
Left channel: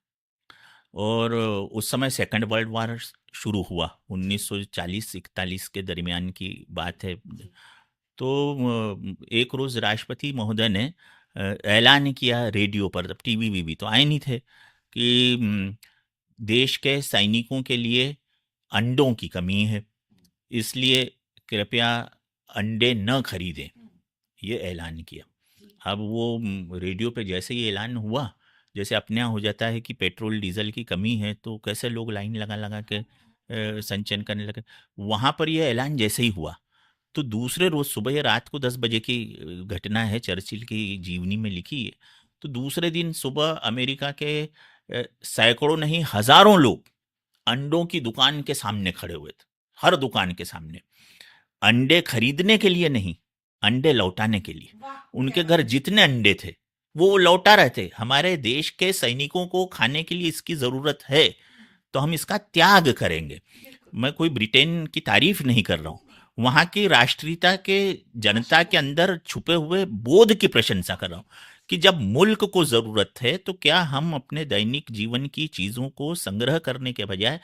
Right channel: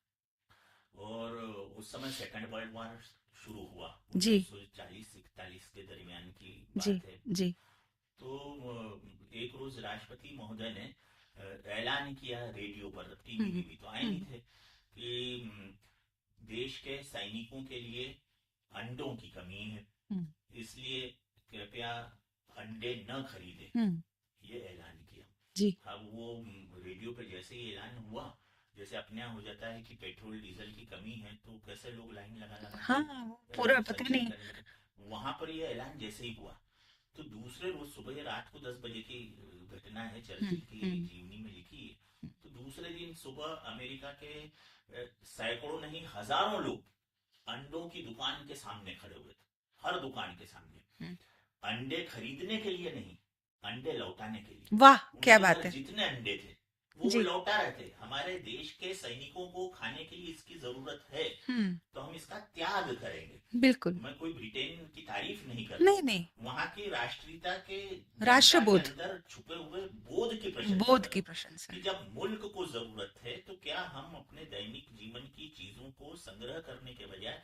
और उस समय सेकंड वर्ल्ड वॉर शुरू हुआ, जी, 1940-41 के दरमियान की जी, बात है। जी। तो एक रोज राष्ट्रपति महोदय ने ऐलान किया रेडियो पर, तब टीवी हुँ, वीवी तो आए नहीं हुँ, थे, कि देश के सैनिकों के लिए अंडों की कमी है, हुँ, इसलिए कृपया अंडे न खरीदें, हुँ, ये ऐलान किया। जी। अब वो रेडियो पे जैसे ही ऐलान हुआ, जैसे अपने यहाँ हो जाता है कि पेट्रोल डीजल की कमी है, तो कैसे लोग लाइन लगा लगा के हाँ, वो पूरा पता संचयन नहीं। करने लगे। वहां पर यह ऐलान जैसे ही हुआ, तो दूसरे रोज सुबह, ये रात को 10 बजे की घटना है, हुँ, चर्चिल की हुँ, जीवनी में लिखी है। तो दूसरे दिन सुबह अमेरिका के सैकड़ों नहीं हजारों लोग अंडों की दुकान के सामने खड़े हुए थे, हर दुकान के सामने, हुँ। अंडे खरीदने के लिए नहीं, अंडे लौटाने के लिए। वाह! क्या उनके घर बात है। जितने अंडे थे, वो जी। लौटा रहे थे। हमारे देश के सैनिकों को खाने के लिए इसकी ज़रूरत है, हुँ, तो हम इसका त्याग करेंगे। बिल्कुल। मैं कोई ब्रिटेन की तारीफ नहीं कर रहा हूँ। नहीं, नहीं, वहाँ की राष्ट्रीयता के, जनता के राष्ट्रबोध, अंदर छुपे हुए बोध की प्रशंसा बोध कर रहा की हूँ, प्रशंसा। कि जब मुल्क को ज़रूरत है, तो क्या हम अपने दैनिक जीवन की चीज़ों को संग्रह करने के बजाय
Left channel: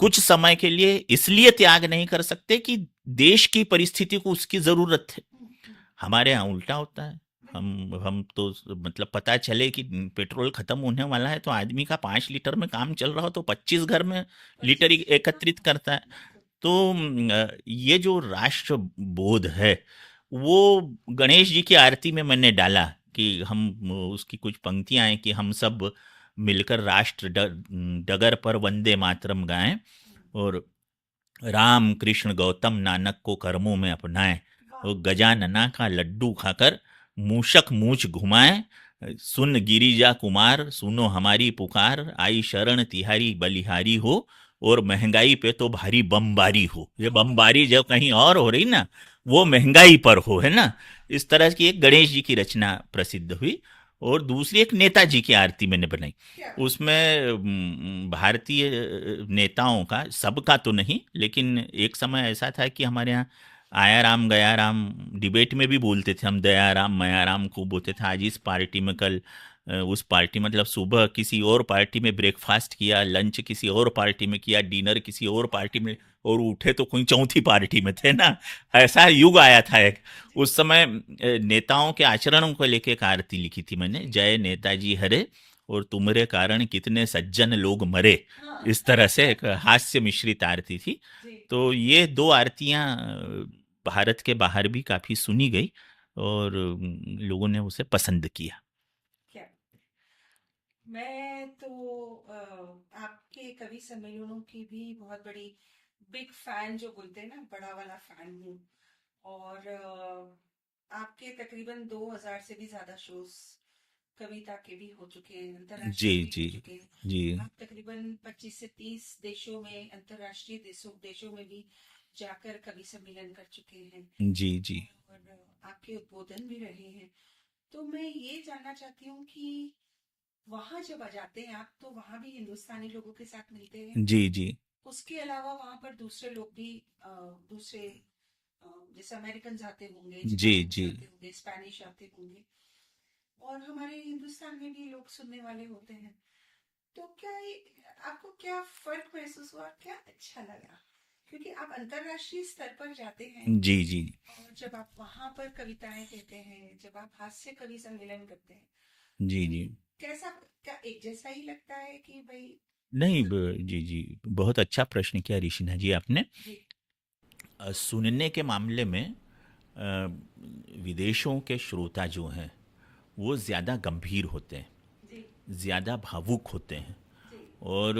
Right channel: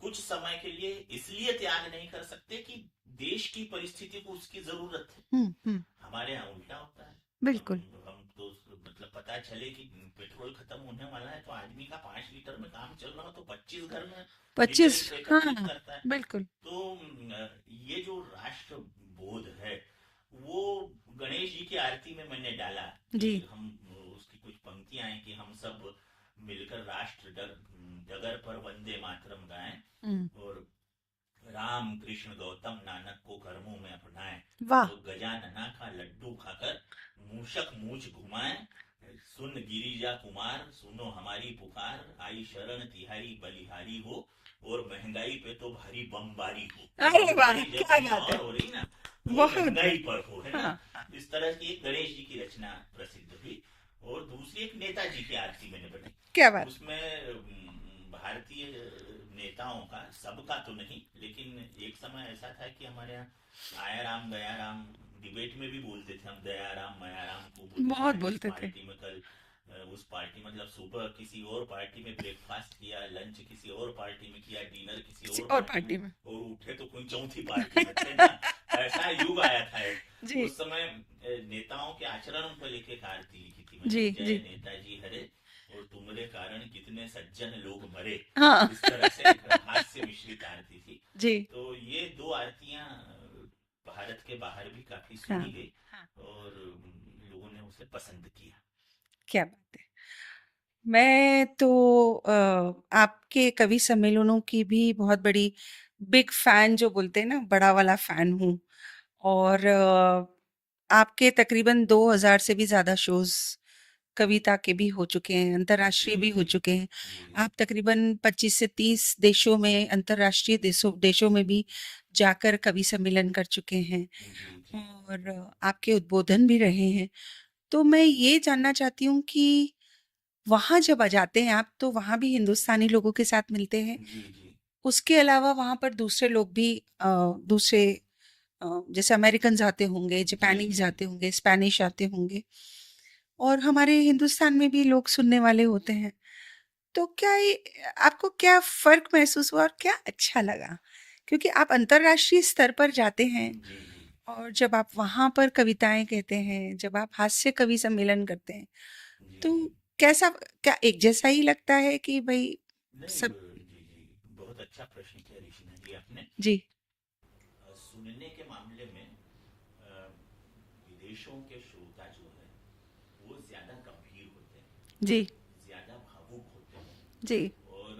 कुछ समय के लिए इसलिए त्याग नहीं कर सकते कि देश की परिस्थिति को उसकी ज़रूरत है? हुँ, हुँ, हमारे यहाँ उल्टा होता है। बिल्कुल। हम तो मतलब पता चले कि पेट्रोल खत्म होने वाला है, तो आदमी का 5 लीटर में काम चल रहा हो, तो 25 घर में लीटर 25 एकत्रित हाँ, करता है। बिल्कुल। तो ये जो राष्ट्र बोध है, वो गणेश जी की आरती में मैंने डाला, कि जी। हम उसकी कुछ पंक्तियां हैं कि हम सब मिलकर डगर पर वंदे मातरम गाएं, हुँ, और राम कृष्ण गौतम नानक को कर्मों में अपनाएं, वाह! तो गजानना का लड्डू खाकर मूषक मूछ घुमाएं, सुन गिरिजा कुमार सुनो हमारी पुकार, आई शरण तिहारी बलिहारी हो, और महंगाई पे तो भारी बमबारी हो। ये अरे वाह! बमबारी जब क्या कहीं बात और है। हो रही ना, वो बहुत महंगाई पर हो, है ना। हाँ, हाँ। इस तरह की एक गणेश जी की रचना प्रसिद्ध हुई। और दूसरी एक नेताजी की आरती मैंने बनाई। क्या बात है। उसमें भारतीय नेताओं का, सबका तो नहीं, लेकिन एक समय ऐसा था कि हमारे यहाँ आया राम गया राम डिबेट में भी बोलते थे हम, दया राम मया राम खूब बोलते थे। बहुत आज इस बोलते थे। पार्टी में, कल उस पार्टी, मतलब सुबह किसी और पार्टी में ब्रेकफास्ट किया, लंच किसी और पार्टी में किया, डिनर किसी किसी और और पार्टी में, पार्टी में। और उठे तो कोई चौथी पार्टी में थे ना। ऐसा युग आया था एक। जी, उस समय नेताओं के आचरणों को लेके एक आरती लिखी थी मैंने, जी, जय जी। नेताजी हरे, और तुम्हारे कारण कितने सज्जन लोग मरे। हाँ। इस तरह से एक हास्य मिश्रित आरती थी। जी। तो ये 2 आरतियाँ भारत के बाहर भी काफ़ी हाँ, सुनी गई, हाँ। और लोगों ने उसे पसंद किया। क्या बात है। मैं तो आपके कवि सम्मेलनों की भी बहुत बड़ी बिग फैन जो बोलते हैं ना, बड़ा वाला फैन हूँ। और आपके तकरीबन 2000 से भी ज़्यादा शोज़ कविता के भी हो चुके हैं, जी, अंतर्राष्ट्रीय भी हो जी, चुके हैं। जी, आप तकरीबन 25 से 30 देशों में, अंतर्राष्ट्रीय देशों देशों में भी जाकर कवि सम्मेलन कर चुके हैं जी, जी, और आपके उद्बोधन भी रहे हैं। तो मैं ये जानना चाहती हूँ कि वहाँ जब जाते हैं आप, तो वहाँ भी हिंदुस्तानी लोगों के साथ मिलते हैं? जी, जी, उसके अलावा वहाँ पर दूसरे लोग भी दूसरे जैसे अमेरिकन्स आते होंगे, जी, जापानीज़ जी, आते होंगे, स्पेनिश आते होंगे और हमारे हिंदुस्तान में भी लोग सुनने वाले होते हैं। तो क्या ये आपको क्या फ़र्क महसूस हुआ और क्या अच्छा लगा? क्योंकि आप अंतर्राष्ट्रीय स्तर पर जाते हैं जी, जी। और जब आप वहाँ पर कविताएँ कहते हैं, जब आप हास्य कवि सम्मेलन करते हैं, जी, जी। तो कैसा क्या एक जैसा ही लगता है कि भई नहीं सब जी, जी। बहुत अच्छा प्रश्न किया ऋषिना जी आपने। जी, सुनने के मामले में अ, विदेशों के श्रोता जो हैं, वो ज़्यादा गंभीर होते हैं, जी, ज़्यादा भावुक होते हैं जी। और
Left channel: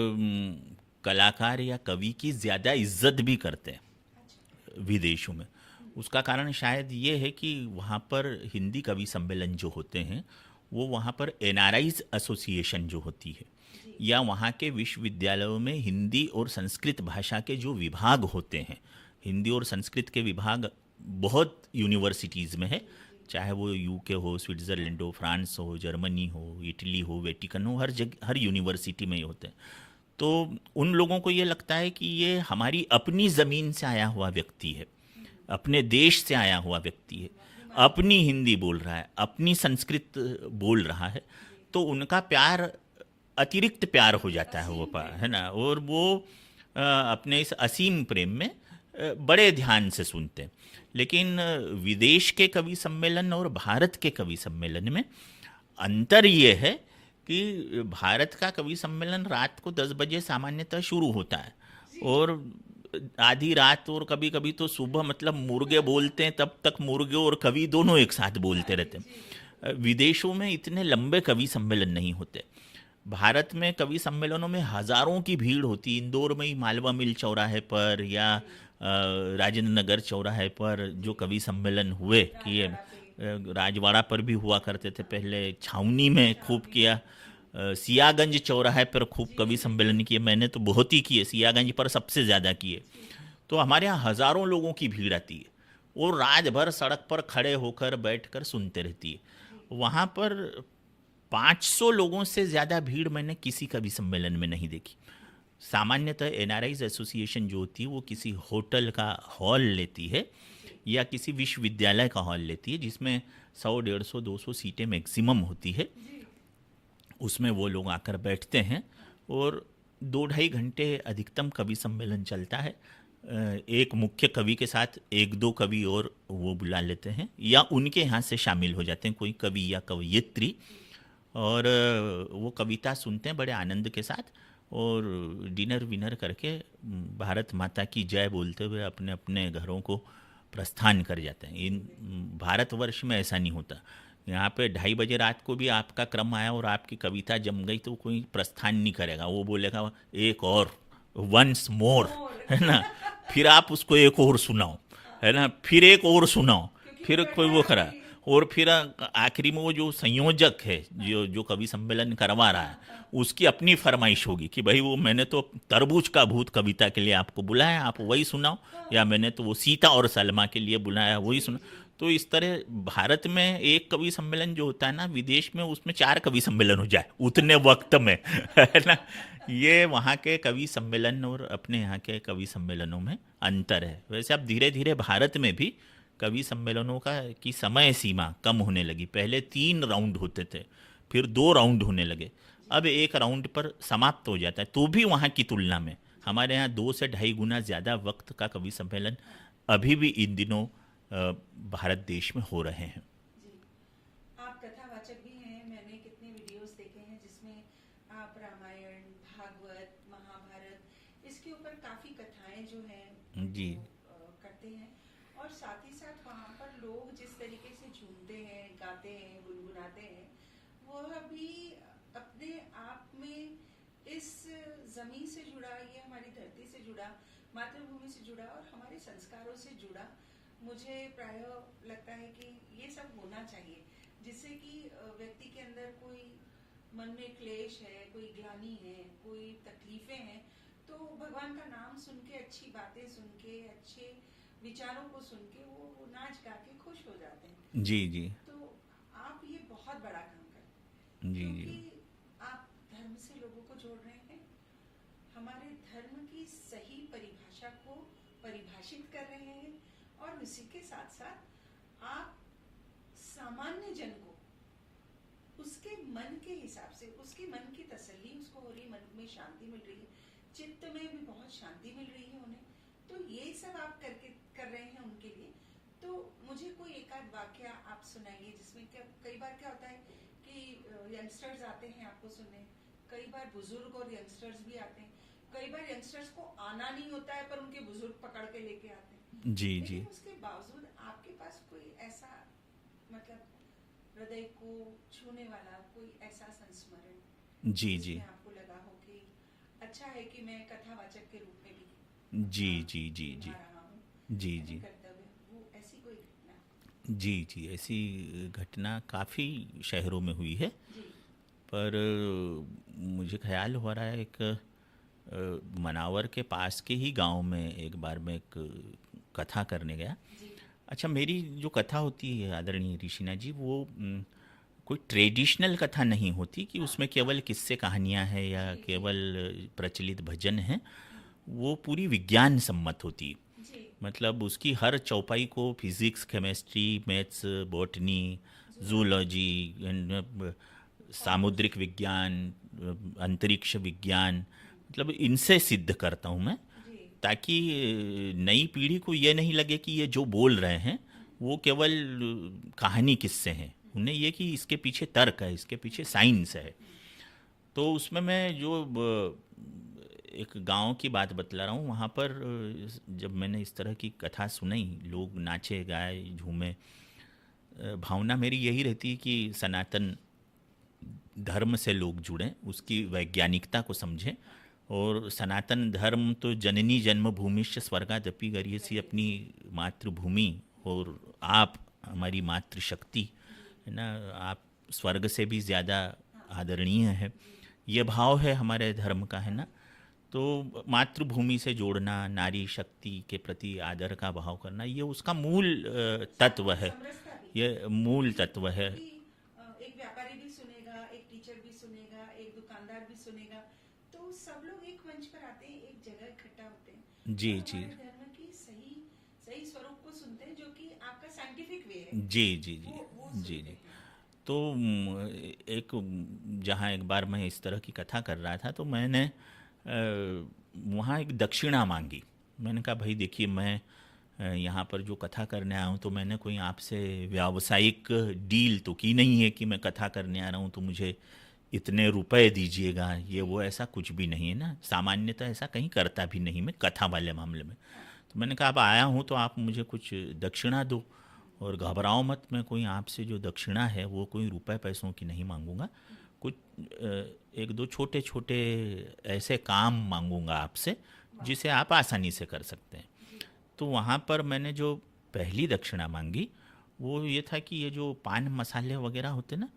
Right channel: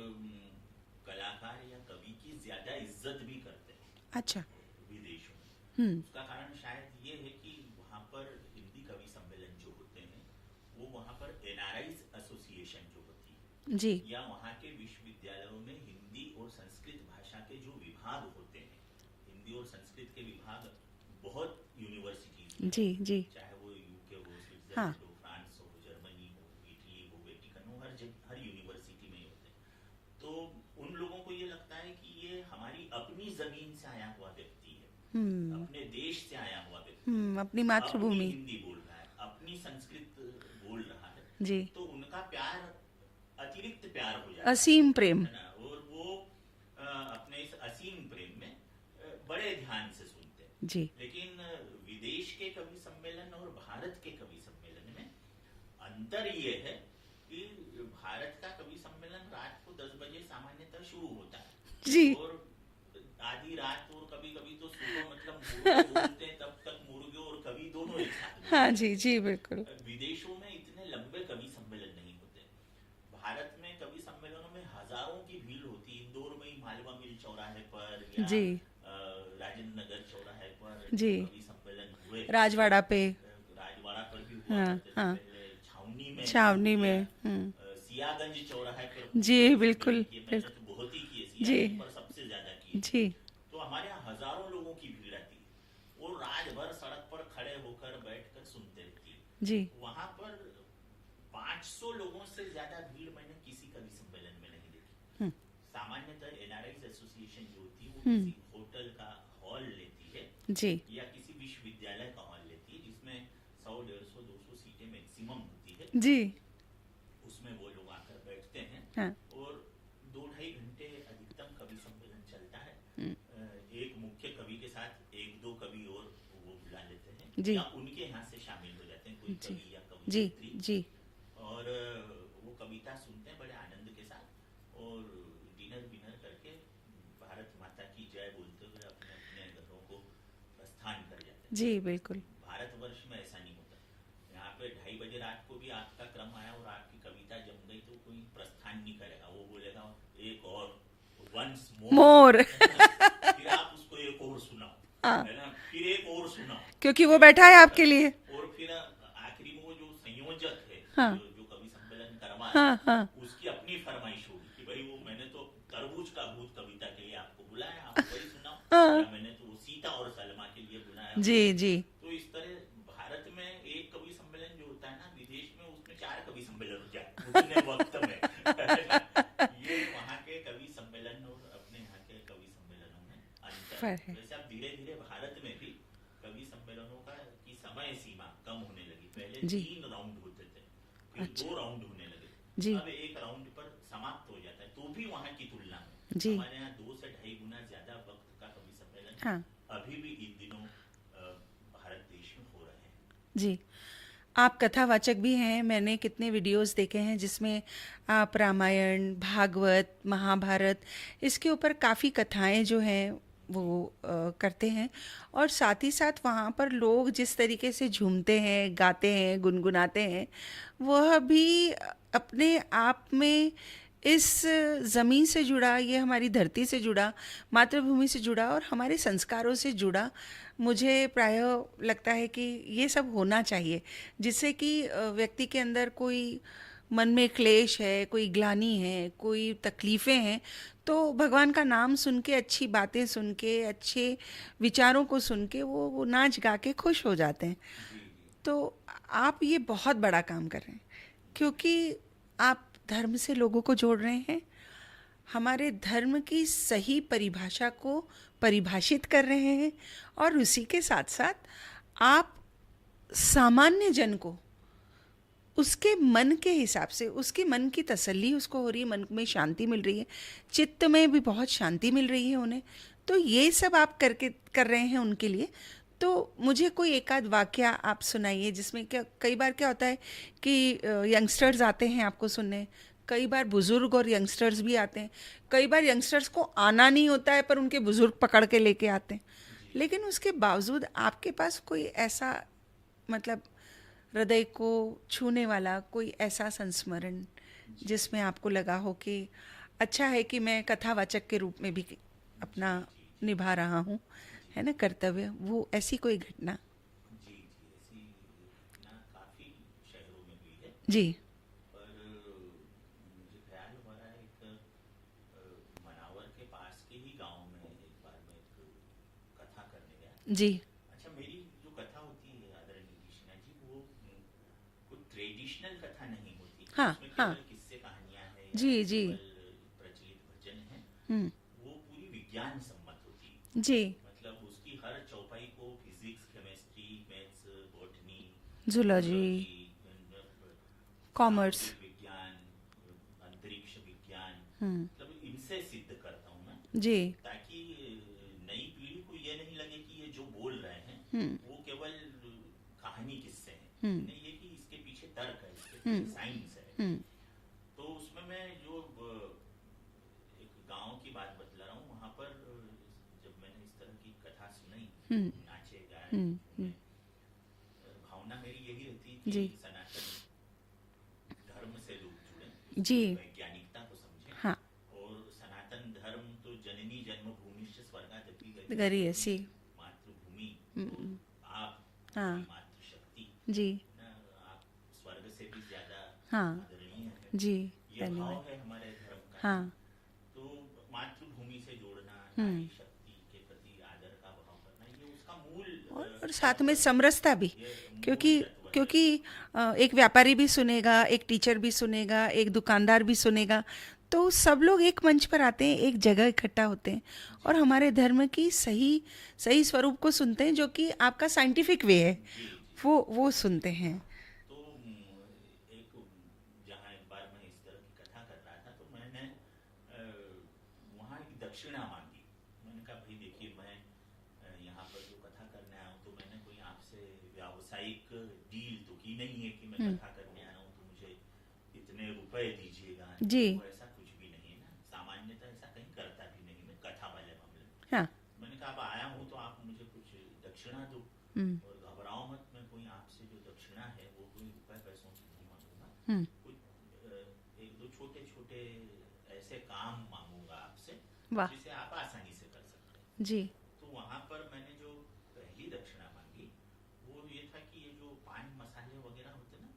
कलाकार या कवि की ज़्यादा इज्जत भी करते हैं अच्छा। विदेशों में। हुँ, उसका कारण शायद ये है कि वहाँ पर हिंदी कवि सम्मेलन जो होते हैं, वो वहाँ पर एनआरआईज एसोसिएशन जो होती है, जी, या वहाँ के विश्वविद्यालयों में हिंदी और संस्कृत भाषा के जो विभाग होते हैं, हिंदी और संस्कृत के विभाग बहुत यूनिवर्सिटीज़ में है, जी, जी। चाहे वो यूके हो, हाँ, स्विट्ज़रलैंड हो, फ्रांस हो, जर्मनी हो, इटली हो, वेटिकन हो, हर जगह हर यूनिवर्सिटी में ही होते हैं। तो उन लोगों को ये लगता है कि ये हमारी अपनी ज़मीन से आया हुआ व्यक्ति है, हुँ, अपने देश से आया हुआ व्यक्ति है, अपनी अपनी मातृभूमि। हिंदी बोल रहा है, अपनी संस्कृत बोल रहा है, जी, तो उनका प्यार अतिरिक्त प्यार हो जाता है वो असीम प्रेम। है ना। और वो अपने इस असीम प्रेम में बड़े ध्यान से सुनते हैं। जी, लेकिन विदेश के कवि सम्मेलन और भारत के कवि सम्मेलन में अंतर ये है कि भारत का कवि सम्मेलन रात को 10 बजे सामान्यतः शुरू होता है जी। और आधी रात और कभी कभी तो सुबह, मतलब मुर्गे बोलते हैं तब तक मुर्गे और कवि दोनों एक साथ हाँ बोलते जी, रहते जी, बिल्कुल। हैं। विदेशों में इतने लंबे कवि सम्मेलन नहीं होते। भारत में कवि सम्मेलनों में हजारों की भीड़ होती है। इंदौर में ही मालवा मिल चौराहे पर या जी, राजेंद्र नगर चौराहे पर जी। जो कवि सम्मेलन हुए, ये राजवाड़ा पे। राजवाड़ा पर भी हुआ हाँ, करते थे हाँ। पहले, छावनी में खूब छावनी किया, में। हुँ। सियागंज चौराहे पर खूब जी, कवि सम्मेलन बिल्कुल, किए, मैंने तो बहुत ही किए, जी, सियागंज पर सबसे ज़्यादा किए। जी, तो हमारे यहाँ हजारों लोगों की भीड़ आती है और रात भर सड़क पर खड़े होकर बैठकर सुनते रहती जी। है। वहाँ पर 500 लोगों से ज़्यादा भीड़ मैंने किसी कवि सम्मेलन में नहीं देखी। हुँ, सामान्यतः एनआरआईज एसोसिएशन जो होती है वो हुँ। किसी होटल का हॉल लेती है जी, या किसी विश्वविद्यालय का हॉल लेती है, जिसमें 100, 150, 200 सीटें मैक्सिमम होती है। जी। उसमें वो लोग आकर बैठते हैं हाँ। और 2 ढाई घंटे अधिकतम कवि सम्मेलन चलता है। हुँ, एक मुख्य कवि के साथ एक दो कवि और वो बुला लेते हैं जी, या उनके यहाँ से शामिल हो जाते हैं कोई जी, कवि या जी, कवयित्री, जी, और वो कविता सुनते हैं बड़े आनंद के साथ और डिनर विनर करके भारत माता की जय बोलते हुए अपने अपने घरों को प्रस्थान कर जाते हैं। जी, ये बिल्कुल। भारतवर्ष में ऐसा नहीं होता। यहाँ पे 2:30 बजे रात को भी आपका क्रम आया और आपकी कविता जम गई तो कोई प्रस्थान नहीं करेगा, वो बोलेगा एक और, वंस मोर, मोर। है ना। फिर आप उसको एक और सुनाओ, हाँ, है ना, फिर एक और सुनाओ, क्योंकि वो फिर बैठा कोई है वो आपके करा, लिए। और फिर आखिरी में वो जो संयोजक है हाँ, जो जो कवि सम्मेलन करवा रहा हाँ, है, हाँ। उसकी अपनी फरमाइश होगी कि भाई वो मैंने तो तरबूज का भूत कविता के लिए आपको बुलाया, आप वही सुनाओ, या हाँ। मैंने तो वो सीता और सलमा के लिए बुलाया, वही जी, सुनाओ। जी। तो इस तरह भारत में एक कवि सम्मेलन जो होता है ना, विदेश में उसमें 4 कवि सम्मेलन हो जाए उतने वक्त में, है ना। ये वहाँ के कवि सम्मेलन और अपने यहाँ के कवि सम्मेलनों में अंतर फ़र्क है। है। वैसे अब धीरे धीरे भारत में भी कवि सम्मेलनों का की समय सीमा कम होने लगी। पहले जी, 3 राउंड होते थे, फिर अच्छा। 2 राउंड होने लगे, जी, अब एक राउंड पर समाप्त हो जाता है। तो भी वहाँ की तुलना में जी। हमारे यहाँ 2 से ढाई गुना ज़्यादा वक्त का कवि सम्मेलन हाँ, अभी भी इन दिनों भारत देश में हो रहे हैं। जी। आप कथावाचक भी हैं। मैंने कितने वीडियोस देखे हैं जिसमें आप रामायण, भागवत, महाभारत इसके ऊपर काफ़ी कथाएं जो हैं जी, वो करते हैं और साथ ही साथ वहाँ पर लोग जिस तरीके से झूमते हैं, गाते हैं, गुनगुनाते हैं, वह भी अपने आप में इस ज़मीन से जुड़ा, ये हमारी धरती से जुड़ा, मातृभूमि से जुड़ा और हमारे संस्कारों से जुड़ा मुझे प्रायः लगता है कि ये सब होना चाहिए, जिससे कि व्यक्ति के अंदर कोई मन में क्लेश है, कोई ग्लानि है, कोई तकलीफ़ें हैं, तो भगवान का नाम सुन के, अच्छी बातें सुन के, अच्छे विचारों को सुन के वो नाच गा के खुश हो जाते हैं। जी, जी, तो आप ये बहुत बड़ा काम कर रहे हैं, जी, क्योंकि आप धर्म से लोगों को जोड़ रहे हैं, हमारे धर्म की सही परिभाषा को परिभाषित कर रहे हैं और उसी के साथ साथ आप सामान्य जन को उसके मन के हिसाब से, उसके मन की तसल्ली उसको हो रही है, मन में शांति मिल रही है, चित्त में भी बहुत शांति मिल रही है उन्हें, तो ये सब आप करके कर रहे हैं उनके लिए। तो मुझे कोई एक आध वाकया आप सुनाइए जिसमें क्या, कई बार क्या होता है कि यंगस्टर्स आते हैं आपको सुनने, कई बार बुजुर्ग और यंगस्टर्स भी आते हैं, कई बार यंगस्टर्स को आना नहीं होता है पर उनके बुजुर्ग पकड़ के लेके आते हैं, जी जी लेकिन उसके बावजूद आपके पास कोई ऐसा, मतलब हृदय को छूने वाला कोई ऐसा संस्मरण जी जिसमें जी आपको लगा हो कि अच्छा है कि मैं कथावाचक के रूप में भी जी अपना जी जी निभा जी रहा हूँ, जी है ना, जी कर्तव्य, वो ऐसी कोई घटना? जी जी ऐसी घटना काफ़ी शहरों में हुई है। जी। पर मुझे ख्याल हो रहा है एक मनावर के पास के ही गांव में एक बार मैं एक कथा करने गया। जी। अच्छा, मेरी जो कथा होती है आदरणीय ऋषिना जी, वो कोई ट्रेडिशनल कथा नहीं होती कि हाँ, उसमें हाँ। केवल किस्से कहानियाँ हैं या जी, जी। केवल प्रचलित भजन हैं। हुँ। वो पूरी विज्ञान सम्मत होती है। जी। मतलब उसकी हर चौपाई को physics, chemistry, maths, botany, zoology, zoology and commerce. सामुद्रिक विज्ञान, अंतरिक्ष विज्ञान, हुँ। मतलब इनसे सिद्ध करता हूँ मैं, जी। ताकि नई पीढ़ी को ये नहीं लगे कि ये जो बोल रहे हैं हुँ। वो केवल कहानी किस्से हैं। हुँ। उन्हें ये कि इसके पीछे तर्क है, इसके हुँ। पीछे साइंस है। हुँ। तो उसमें मैं जो एक गांव की बात बतला रहा हूँ, वहाँ पर जब मैंने इस तरह की कथा सुनाई, हुँ। लोग नाचे गाए हुँ। झूमे, भावना मेरी यही रहती है कि जी। सनातन धर्म से लोग जुड़ें, जी। उसकी वैज्ञानिकता को समझें। हाँ। और सनातन धर्म तो जननी जन्मभूमिश्च स्वर्गादपि गरीयसी, अपनी गरीयसी। मातृभूमि और आप हमारी हाँ। मातृशक्ति, जी। है ना, आप स्वर्ग से भी ज़्यादा हाँ। आदरणीय है। जी। ये सही भाव है। है हमारे धर्म का, है ना। हाँ। तो मातृभूमि से जोड़ना, नारी हुँ। शक्ति के प्रति आदर का भाव करना, ये उसका मूल और साथ तत्व में है। समरसता भी, ये मूल क्योंकि तत्व है। क्योंकि एक व्यापारी भी सुनेगा, एक टीचर भी सुनेगा, एक दुकानदार भी सुनेगा, तो सब लोग एक मंच पर आते हैं, एक जगह इकट्ठा होते हैं जी और जी हमारे धर्म की सही सही स्वरूप को सुनते हैं, जो कि आपका साइंटिफिक वे है, जी जी वो जी सुनते जी। हैं। तो एक जहाँ एक बार मैं इस तरह की कथा कर रहा था, तो मैंने वहाँ एक दक्षिणा मांगी। मैंने कहा भाई देखिए, मैं यहाँ पर जो कथा करने आया हूँ, तो मैंने कोई आपसे व्यावसायिक डील तो की नहीं है कि मैं हुँ। कथा करने आ रहा हूँ तो मुझे इतने रुपए दीजिएगा, ये जी। वो ऐसा कुछ भी नहीं है ना। सामान्यतः ऐसा कहीं करता भी नहीं मैं कथा वाले मामले में। हाँ। तो मैंने कहा अब आया हूँ तो आप मुझे कुछ दक्षिणा दो, हुँ। और घबराओ मत, मैं कोई आपसे जो दक्षिणा है वो कोई रुपए पैसों की नहीं मांगूंगा। हुँ। कुछ एक दो छोटे छोटे ऐसे काम मांगूंगा आपसे वाह! जिसे आप आसानी से कर सकते हैं। जी। तो वहाँ पर मैंने जो पहली दक्षिणा मांगी वो ये था कि ये जो पान मसाले वगैरह होते ना,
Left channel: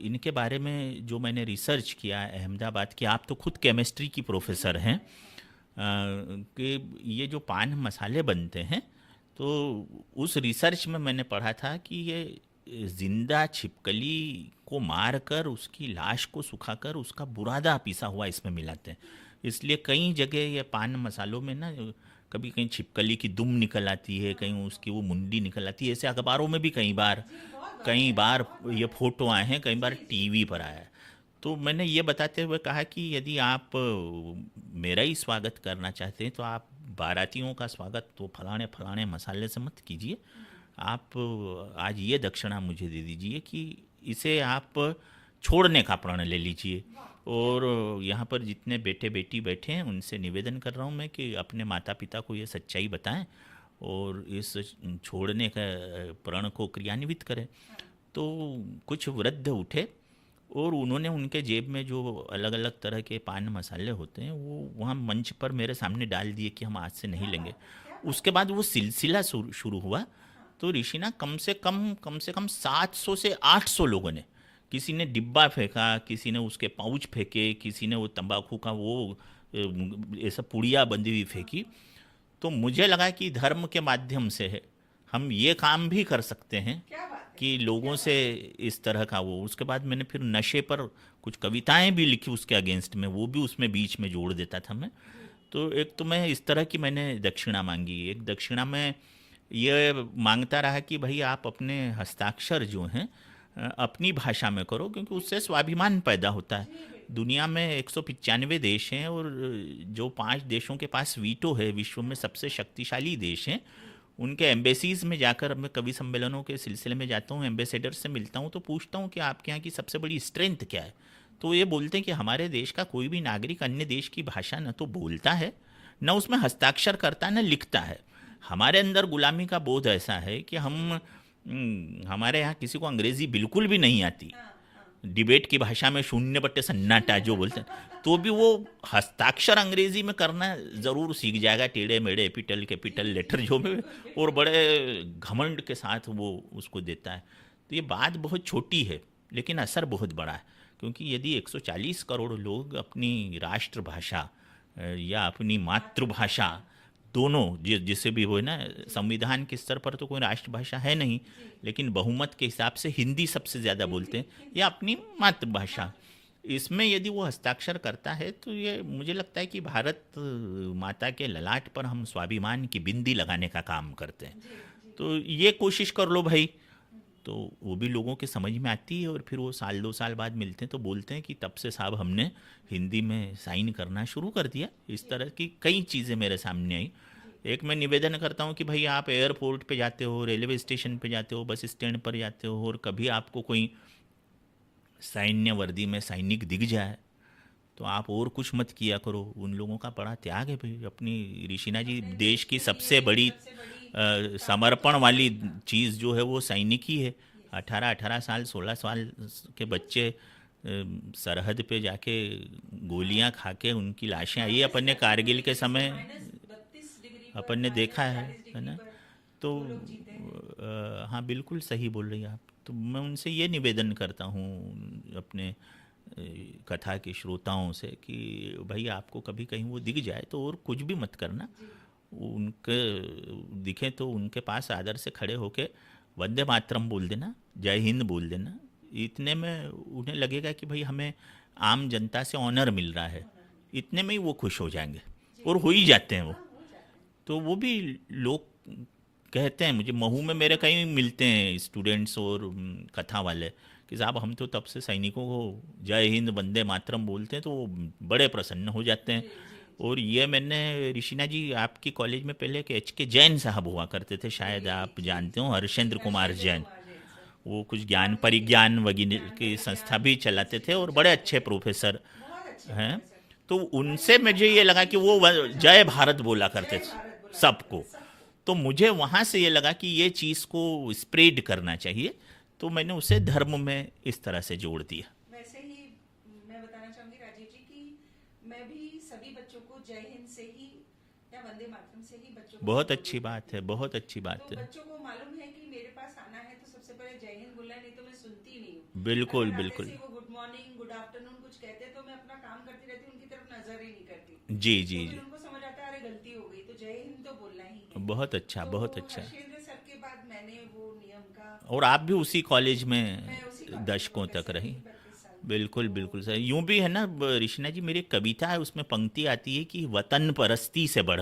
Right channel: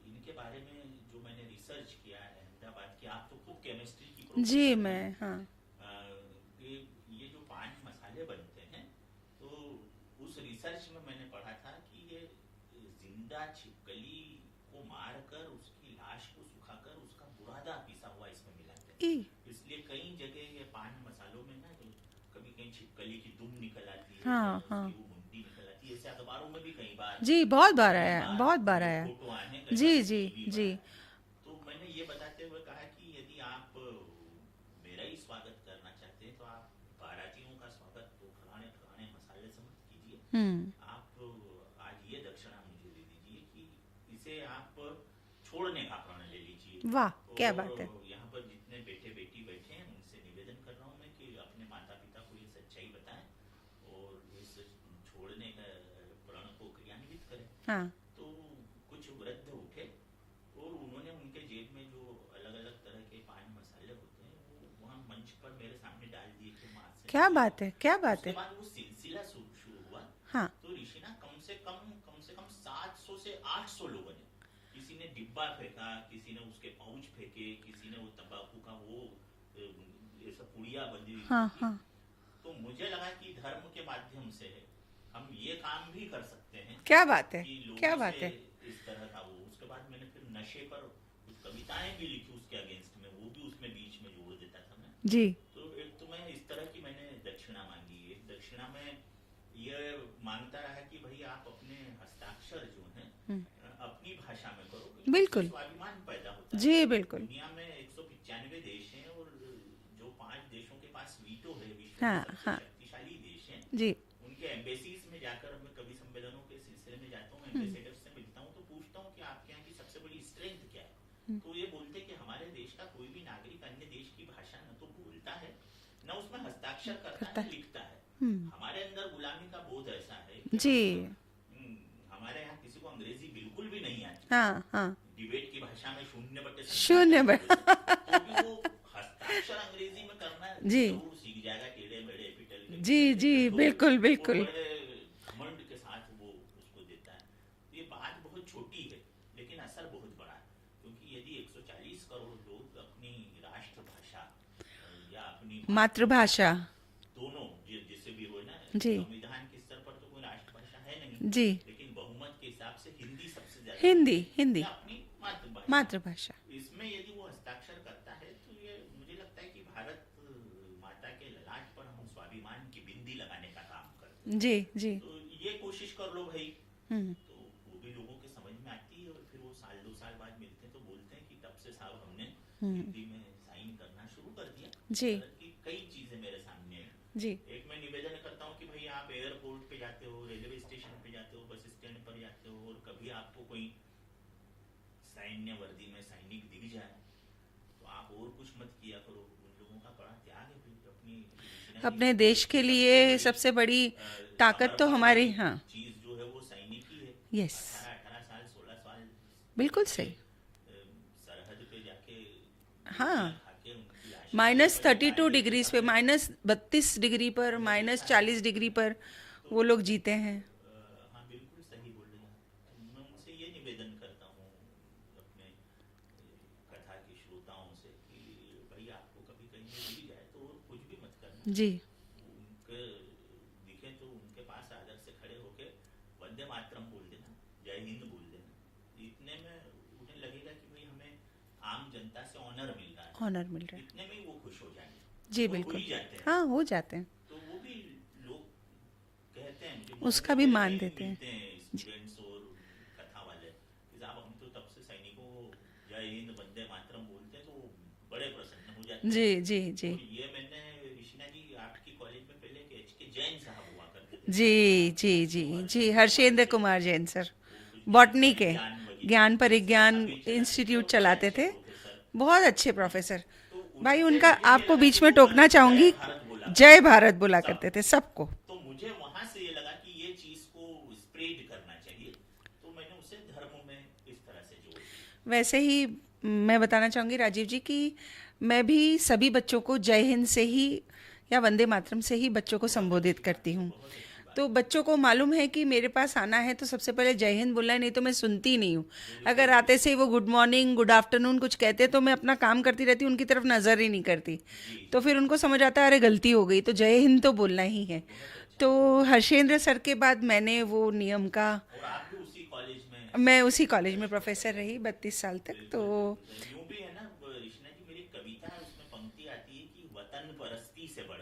इनके बारे में जो मैंने रिसर्च किया अहमदाबाद की, आप तो खुद केमिस्ट्री की जी, प्रोफेसर हैं, मैं, हाँ। कि ये जो पान मसाले बनते हैं, तो उस रिसर्च में मैंने पढ़ा था कि ये जिंदा छिपकली को मार कर उसकी लाश को सुखाकर उसका बुरादा पिसा हुआ इसमें मिलाते हैं। ई! इसलिए कई जगह ये पान मसालों में ना कभी कहीं छिपकली की दुम निकल आती है, हाँ, कहीं उसकी हाँ। वो मुंडी निकल आती है। ऐसे अखबारों में भी जी, बहुत बार कई आया है, बार बहुत बार ये आया है। फोटो आए हैं, कई बार जी, जी, टीवी पर जी। आया है। तो मैंने ये बताते हुए कहा कि यदि आप मेरा ही स्वागत करना चाहते हैं तो आप बारातियों का स्वागत तो फलाने फलाने मसाले से मत कीजिए। हुँ। आप आज ये दक्षिणा मुझे दे दीजिए कि इसे आप छोड़ने का प्रण ले लीजिए। वाह! क्या और बात है। यहाँ पर जितने बेटे बेटी बैठे हैं उनसे निवेदन कर रहा हूँ मैं कि अपने माता पिता को ये सच्चाई बताएं और इस छोड़ने का प्रण को क्रियान्वित करें। हाँ। तो कुछ वृद्ध उठे और उन्होंने उनके जेब में जो अलग अलग तरह के पान मसाले होते हैं वो वहाँ मंच पर मेरे सामने डाल दिए कि हम आज से क्या नहीं लेंगे। बात है, क्या बात उसके है। बाद वो सिलसिला शुरू हुआ। हाँ। तो ऋषिना कम से कम 700 से 800 लोगों ने, किसी ने डिब्बा फेंका, किसी ने उसके पाउच फेंके, किसी ने वो तंबाकू का वो ऐसा पुड़िया बंदी हुई हाँ, फेंकी। हाँ। तो मुझे लगा कि धर्म के माध्यम से हम ये काम भी कर सकते हैं क्या बात है, कि क्या लोगों बात से है। इस तरह का वो। उसके बाद मैंने फिर नशे पर कुछ कविताएं भी लिखी उसके अगेंस्ट में, वो भी उसमें बीच में जोड़ देता था मैं। जी। तो एक तो मैं इस तरह की मैंने दक्षिणा मांगी। एक दक्षिणा में ये मांगता रहा कि भाई आप अपने हस्ताक्षर जो हैं अपनी भाषा में करो, क्योंकि उससे बिल्कुल। स्वाभिमान पैदा होता है। जी बिल्कुल। दुनिया में 195 देश हैं और जो 5 देशों के पास वीटो है, विश्व में हाँ सबसे हाँ शक्तिशाली देश हैं, जी। उनके एम्बेसीज में जाकर मैं कवि सम्मेलनों के सिलसिले में जाता हूँ, एम्बेसडर से मिलता हूँ, तो पूछता हूँ कि आपके यहाँ की सबसे बड़ी स्ट्रेंथ क्या है। तो ये बोलते हैं कि हमारे देश का कोई भी नागरिक अन्य देश की भाषा न तो बोलता है, न उसमें हस्ताक्षर करता, न लिखता है। हमारे अंदर गुलामी का बोध ऐसा है कि जी। हम हमारे यहाँ किसी को अंग्रेजी बिल्कुल भी नहीं आती। हाँ हाँ। डिबेट की भाषा में शून्य बट्टे सन्नाटा शून्य जो बट बोलते हैं, तो भी वो हस्ताक्षर अंग्रेजी में करना जी जरूर सीख जाएगा, टेढ़े मेढ़े एपिटल जी कैपिटल जी लेटर जो भी, बिल्कुल और बिल्कुल। बड़े घमंड के साथ वो उसको देता है। तो ये बात बहुत छोटी है लेकिन असर बहुत बड़ा है, क्योंकि यदि 140 करोड़ लोग अपनी राष्ट्रभाषा या अपनी मातृभाषा मातृभाषा। दोनों जिसे भी हो ना, जी संविधान के स्तर पर तो कोई राष्ट्रभाषा है नहीं, जी। लेकिन बहुमत के हिसाब से हिंदी सबसे ज़्यादा बोलते हिंदी हैं, हिंदी या अपनी मातृभाषा। मातृभाषा। इसमें यदि वो हस्ताक्षर करता है तो ये मुझे लगता है कि भारत माता के ललाट पर हम स्वाभिमान की बिंदी लगाने का काम करते हैं। जी जी। तो ये कोशिश कर लो भाई, तो वो भी लोगों के समझ में आती है, और फिर वो साल 2 साल बाद मिलते हैं तो बोलते हैं कि तब से साहब हमने हिंदी में साइन करना शुरू कर दिया। इस जी तरह की कई चीज़ें मेरे सामने आई। जी एक मैं निवेदन करता हूँ कि भाई आप एयरपोर्ट पे जाते हो, रेलवे स्टेशन पे जाते हो, बस स्टैंड पर जाते हो, और कभी आपको कोई सैन्य वर्दी में सैनिक दिख जाए तो आप और कुछ मत किया करो। उन लोगों का बड़ा त्याग है भाई। अपनी ऋषिना जी अपने देश देश की के सबसे बड़ी ताकत तो समर्पण हमारी। वाली हाँ चीज़ जो है वो सैनिक ही है। यस 18-18 साल 16 साल के बिल्कुल बच्चे सही। सरहद पे जाके गोलियां हाँ खा के उनकी लाशें आई -32 अपन ने कारगिल के डिग्री पे, समय, -32 डिग्री पर, अपन ने देखा है -40 डिग्री ना। पर तो वो लोग जीते हैं। हाँ बिल्कुल सही बोल रही हैं आप। तो मैं उनसे ये निवेदन करता हूँ अपने कथा के श्रोताओं से कि भाई आपको कभी कहीं वो दिख जाए तो और कुछ भी मत करना, जी उनके दिखे तो उनके पास आदर से खड़े होके वंदे मातरम बोल देना, जय हिंद बोल देना। इतने में उन्हें लगेगा कि भाई हमें आम जनता से ऑनर मिल रहा है, ऑनर मिल रहा इतने में ही वो खुश हो जाएंगे, जी और हो बिल्कुल। ही जाते हैं वो। हाँ हो जाते हैं। तो वो भी लोग कहते हैं, मुझे महू उसका में भी मेरे मान कई देते हैं। मिलते हैं स्टूडेंट्स और कथा वाले कि साहब हम तो तब से सैनिकों को जय हिंद वंदे मातरम बोलते हैं तो वो बड़े प्रसन्न हो जाते हैं। जी जी जी और ये मैंने ऋषिना जी आपकी कॉलेज में पहले के एच के जैन साहब हुआ करते थे, जी शायद आप जी जानते जी हो, जी हर्षेंद्र हर्षेंद्र कुमार कुमार जैन सर। जैन। वो कुछ ज्ञान बॉटनी के परिज्ञान वगैरह ज्ञान की संस्था परिज्ञान भी चलाते थे, इंस्टीट्यूट और बड़े चलाते अच्छे थे। प्रोफेसर बहुत अच्छे हैं। प्रोफेसर। तो भाई उनसे उनका मुझे ये आपको लगा बीच कि में वो टोकना जय चाहूंगी। भारत बोला करते जय थे भारत बोला करते सबको। थे सबको। तो मुझे वहाँ से ये लगा कि ये चीज़ को स्प्रेड करना चाहिए, तो मैंने उसे धर्म में इस तरह से जोड़ दिया। वैसे ही मैं बताना चाहूँगी राजीव जी कि मैं भी सभी बच्चों को जय हिंद से ही या वंदे मातरम से ही बच्चों को बहुत अच्छी संबोधित बात करती है, हूँ। बहुत अच्छी बात तो है। बच्चों को मालूम है कि मेरे पास आना है तो सबसे पहले जय हिंद बोलना है, नहीं तो मैं सुनती नहीं हूँ। बिल्कुल अगर आते बिल्कुल। से ही वो गुड मॉर्निंग गुड आफ्टरनून कुछ कहते तो मैं अपना काम करती रहती, उनकी तरफ नजर ही नहीं करती। जी जी तो फिर जी। उनको समझ आता है अरे गलती हो गई, तो जय हिंद तो बोलना ही है। बहुत अच्छा, तो बहुत अच्छा। हर्षेंद्र सर के बाद मैंने वो नियम का, और आप भी उसी कॉलेज में मैं उसी कॉलेज में दशकों तक प्रोफेसर रही। रही 32 साल तक। बिल्कुल तो बिल्कुल सही। यूं भी है ना ऋषिना जी, मेरी एक कविता है उसमें पंक्ति आती है कि वतन परस्ती से बढ़कर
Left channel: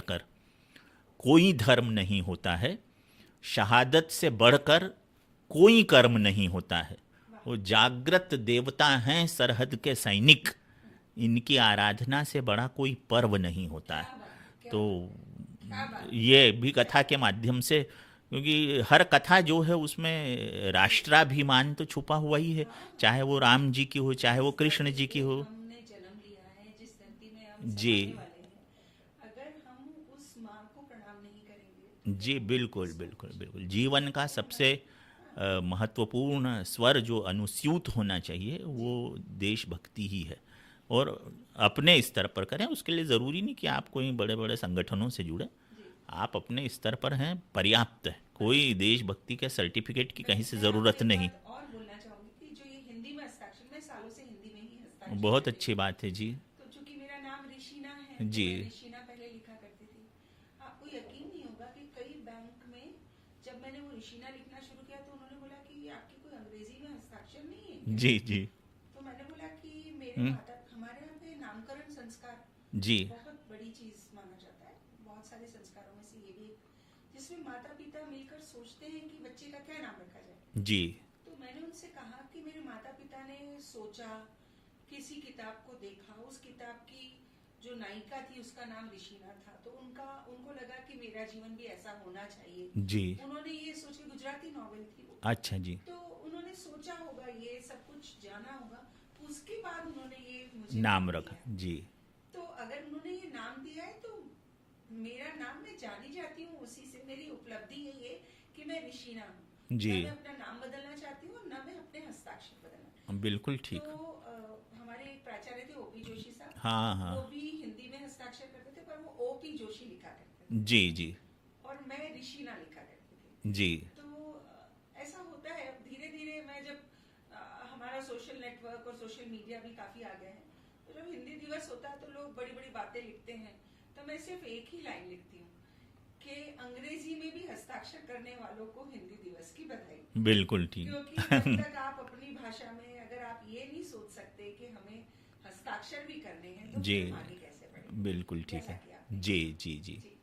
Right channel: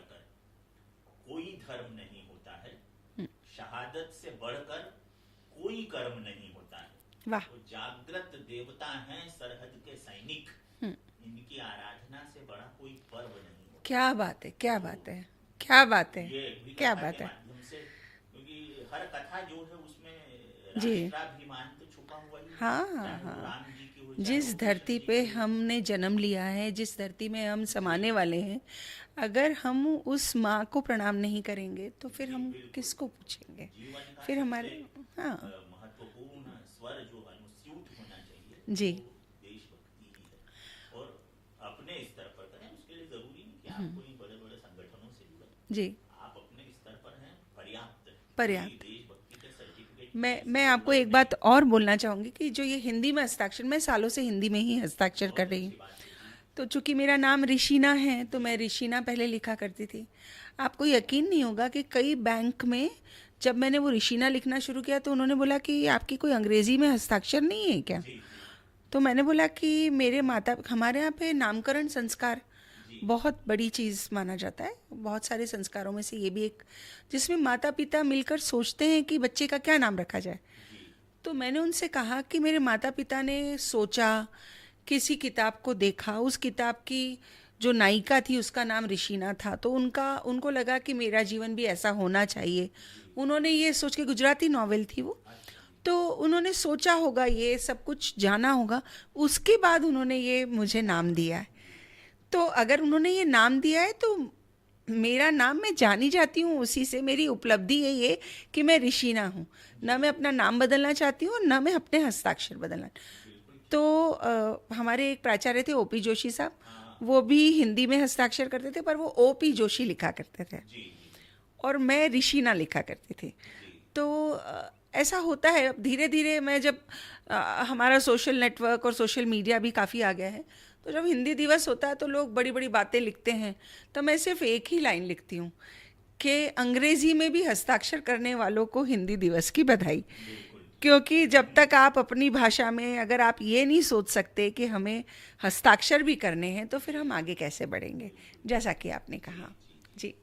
कोई धर्म नहीं होता है, शहादत से बढ़कर कोई कर्म नहीं होता है। वाह। वो जागृत देवता हैं सरहद के सैनिक, इनकी आराधना से बड़ा कोई पर्व नहीं होता क्या है। बात है, क्या तो बात है, क्या बात है। ये भी क्या कथा बात के है। माध्यम से, क्योंकि हर कथा जो है उसमें राष्ट्राभिमान तो छुपा हुआ ही है, हाँ, चाहे वो राम जी की हो, चाहे वो जिस कृष्ण धरती जी पे की हो। हमने जन्म लिया है, जिस धरती में हम जी समाने वाले हैं, अगर हम उस माँ को प्रणाम नहीं करेंगे तो फिर जी हम बिल्कुल किसको बिल्कुल बिल्कुल। पूछेंगे? जीवन का फिर सबसे हमारे हाँ महत्वपूर्ण स्वर जो अनुस्यूत होना चाहिए जी वो देशभक्ति ही है। और अपने स्तर पर करें, उसके लिए ज़रूरी नहीं कि आप कोई बड़े बड़े संगठनों से जुड़े, जी। आप अपने स्तर पर हैं, पर्याप्त है। कोई पर्याप्त। देशभक्ति के सर्टिफिकेट की मैं कहीं से मैं आपको ज़रूरत एक नहीं। बात और बोलना चाहूंगी कि जो ये हिंदी में हस्ताक्षर, मैं सालों से हिंदी में ही हस्ताक्षर बहुत कर रही अच्छी हूँ। बात है जी। तो चूंकि मेरा नाम ऋषिना है तो जी मैं ऋषिना पहले लिखा करती थी। आपको यकीन नहीं होगा कि कई बैंक में जब मैंने वो ऋषिना लिखना शुरू किया तो उन्होंने बोला कि आपकी कोई अंग्रेजी में हस्ताक्षर नहीं है क्या? जी जी। तो मैंने बोला कि मेरे माता, हमारे यहाँ पे नामकरण संस्कार जी, बहुत बड़ी चीज़ माना जाता है। बहुत सारे संस्कारों में से ये भी एक, जिसमें माता पिता मिलकर सोचते हैं कि बच्चे का क्या नाम रखा जाए। जी, तो मैंने उनसे कहा कि मेरे माता पिता ने सोचा, किसी किताब को देखा, उस किताब की जो नायिका थी उसका नाम ऋषिना था, तो उनको लगा कि मेरा जीवन भी ऐसा होना चाहिए। जी। उन्होंने ये सोच के, गुजराती नॉवेल थी वो, अच्छा जी। तो उन्होंने सोचा होगा, ये सब कुछ जाना होगा, उसके बाद उन्होंने ये मुझे नाम नाम रखा। दिया है। जी, तो अगर उन्होंने ये नाम दिया है तो मेरा नाम मैं जानी जाती हूँ उसी से। मेरी उपलब्धि है ये कि मैं ऋषिना हूँ। जी। ना मैं अपना नाम बदलना चाहती हूँ और ना मैं अपने हस्ताक्षर बदलना। बिल्कुल तो ठीक। हमारे एक प्राचार्य थे, ओपी जोशी साहब। हाँ, वो हाँ। भी हिंदी में हस्ताक्षर करते थे, पर वो ओपी जोशी लिखा करते थे जी, जी, और मैं ऋषिना लिखा करती थी। जी, तो ऐसा होता है। अब धीरे धीरे मैं जब हमारा सोशल नेटवर्क और सोशल मीडिया भी काफ़ी आ गया है, तो जब हिंदी दिवस होता है तो लोग बड़ी बड़ी बातें लिखते हैं, तो मैं सिर्फ एक ही लाइन लिखती हूँ कि अंग्रेजी में भी हस्ताक्षर करने वालों को हिंदी दिवस की बधाई। बिल्कुल ठीक। क्योंकि जब तक आप अपनी भाषा में अगर आप ये नहीं सोच सकते कि हमें हस्ताक्षर भी करने हैं, तो फिर जी, हम आगे कैसे बढ़ेंगे। बिल्कुल ठीक जैसा है। कि आपने जी, कहा। जी, जी, जी।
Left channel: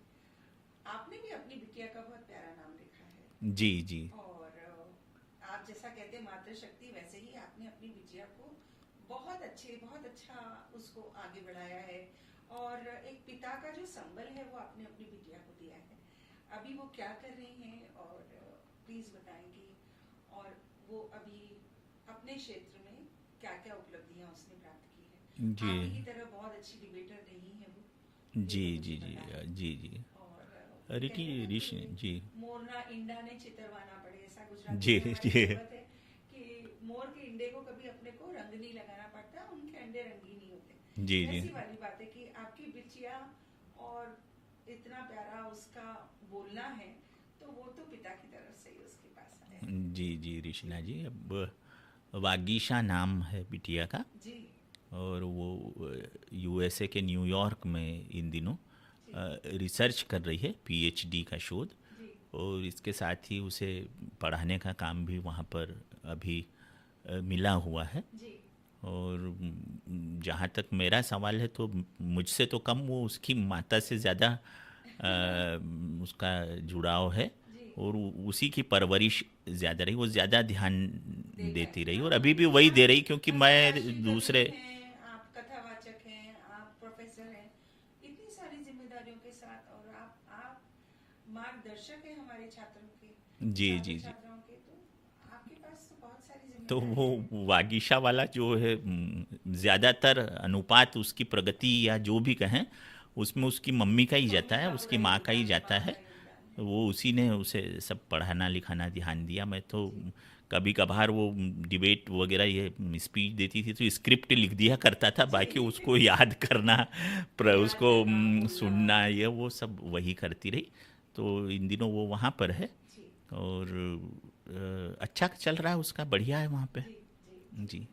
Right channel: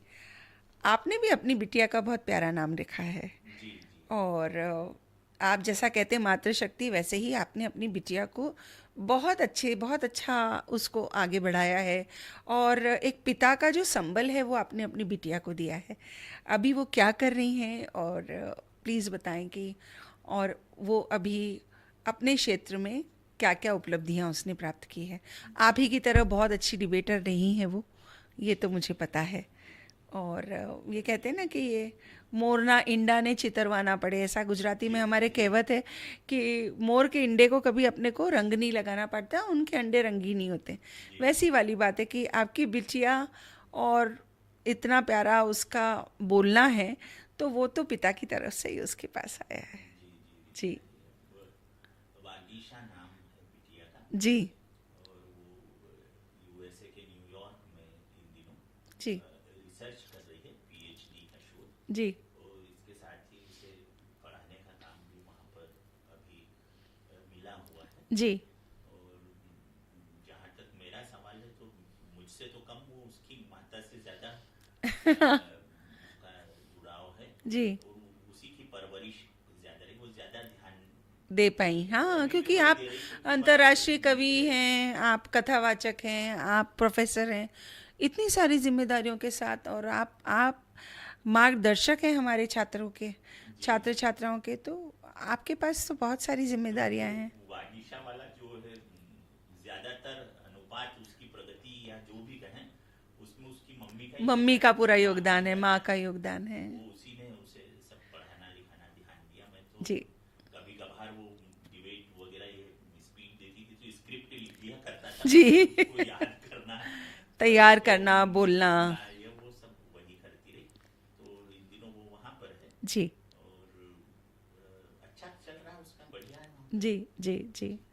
आपने भी अपनी बिटिया का बहुत प्यारा नाम रखा है। जी, जी, और आप जैसा कहते हैं मातृशक्ति, वैसे ही आपने अपनी बिटिया को बहुत अच्छा उसको आगे बढ़ाया है। और एक पिता का जो संबल है वो आपने अपनी बिटिया को दिया है। अभी वो क्या कर रही हैं, और प्लीज़ बताएं कि, और वो अभी अपने क्षेत्र में क्या क्या उपलब्धियां उसने प्राप्त की है। जी, आप ही की तरह बहुत अच्छी डिबेटर रही हैं वो, ये जी, तो मुझे जी, पता है। जी, जी। और ये अरे कहते हैं ना जी, कि ऋषि ये जी, मोरना इंडा ने चितरवाना पड़े, ऐसा गुजराती जी, में हमारे जी, कहावत है कि मोर के इंडे को कभी अपने को रंग नहीं लगाना पड़ता, उनके अंडे रंगीन नहीं होते। जी, जी, वैसी वाली बात है कि आपकी बिटिया, और इतना प्यारा उसका बोलना है, तो वो तो पिता की तरफ से ही उसके पास आया है। जी, जी, जी। ऋषिना जी। अब वागीशा नाम है बिटिया का, जी। और वो यूएसए के न्यूयॉर्क में इन दिनों जी। रिसर्च कर रही है, पीएचडी का शोध। जी। और इसके साथ ही उसे पढ़ाने का काम भी वहाँ पर अभी मिला हुआ है। जी। और जहाँ तक मेरा सवाल है, तो मुझसे तो कम वो उसकी माता से ज़्यादा उसका जुड़ाव है। जी। और उसी की परवरिश ज़्यादा रही, वो ज़्यादा ध्यान दे देती पाई, रही, और हाँ, अभी भी क्योंकि वही आप दे रही, क्योंकि अंतर्राष्ट्रीय मैं कवि दूसरे। हैं, आप कथावाचक हैं, आप प्रोफेसर हैं, इतनी सारी जिम्मेदारियों के साथ, और आप मार्गदर्शक हैं हमारे छात्रों के, जी, छात्र जी। छात्राओं के। तो आपके पास तो बहुत सारी तो वो जिम्मेदारियां हैं। वागीशा वाला जो है, ज़्यादातर अनुपात उसकी प्रगति या जो भी कहें, उसमें उसकी मम्मी का ही जाता मम्मी है, का पूरा उसकी माँ का ही योगदान है, जाता माँ का है। योगदान है। तो वो उसी ने उसे सब पढ़ाना लिखाना ध्यान दिया। मैं तो जी। कभी कभार वो डिबेट वगैरह ये स्पीच देती थी तो स्क्रिप्ट लिख दिया करता था, बाकी जी। उसको याद करना, तैयार उसको करना, बोलना। सुनना, ये वो सब वही करती रही। तो इन दिनों वो वहाँ पर है, जी। और अच्छा चल रहा है उसका, बढ़िया है वहाँ पे। जी। जी। जी। जी,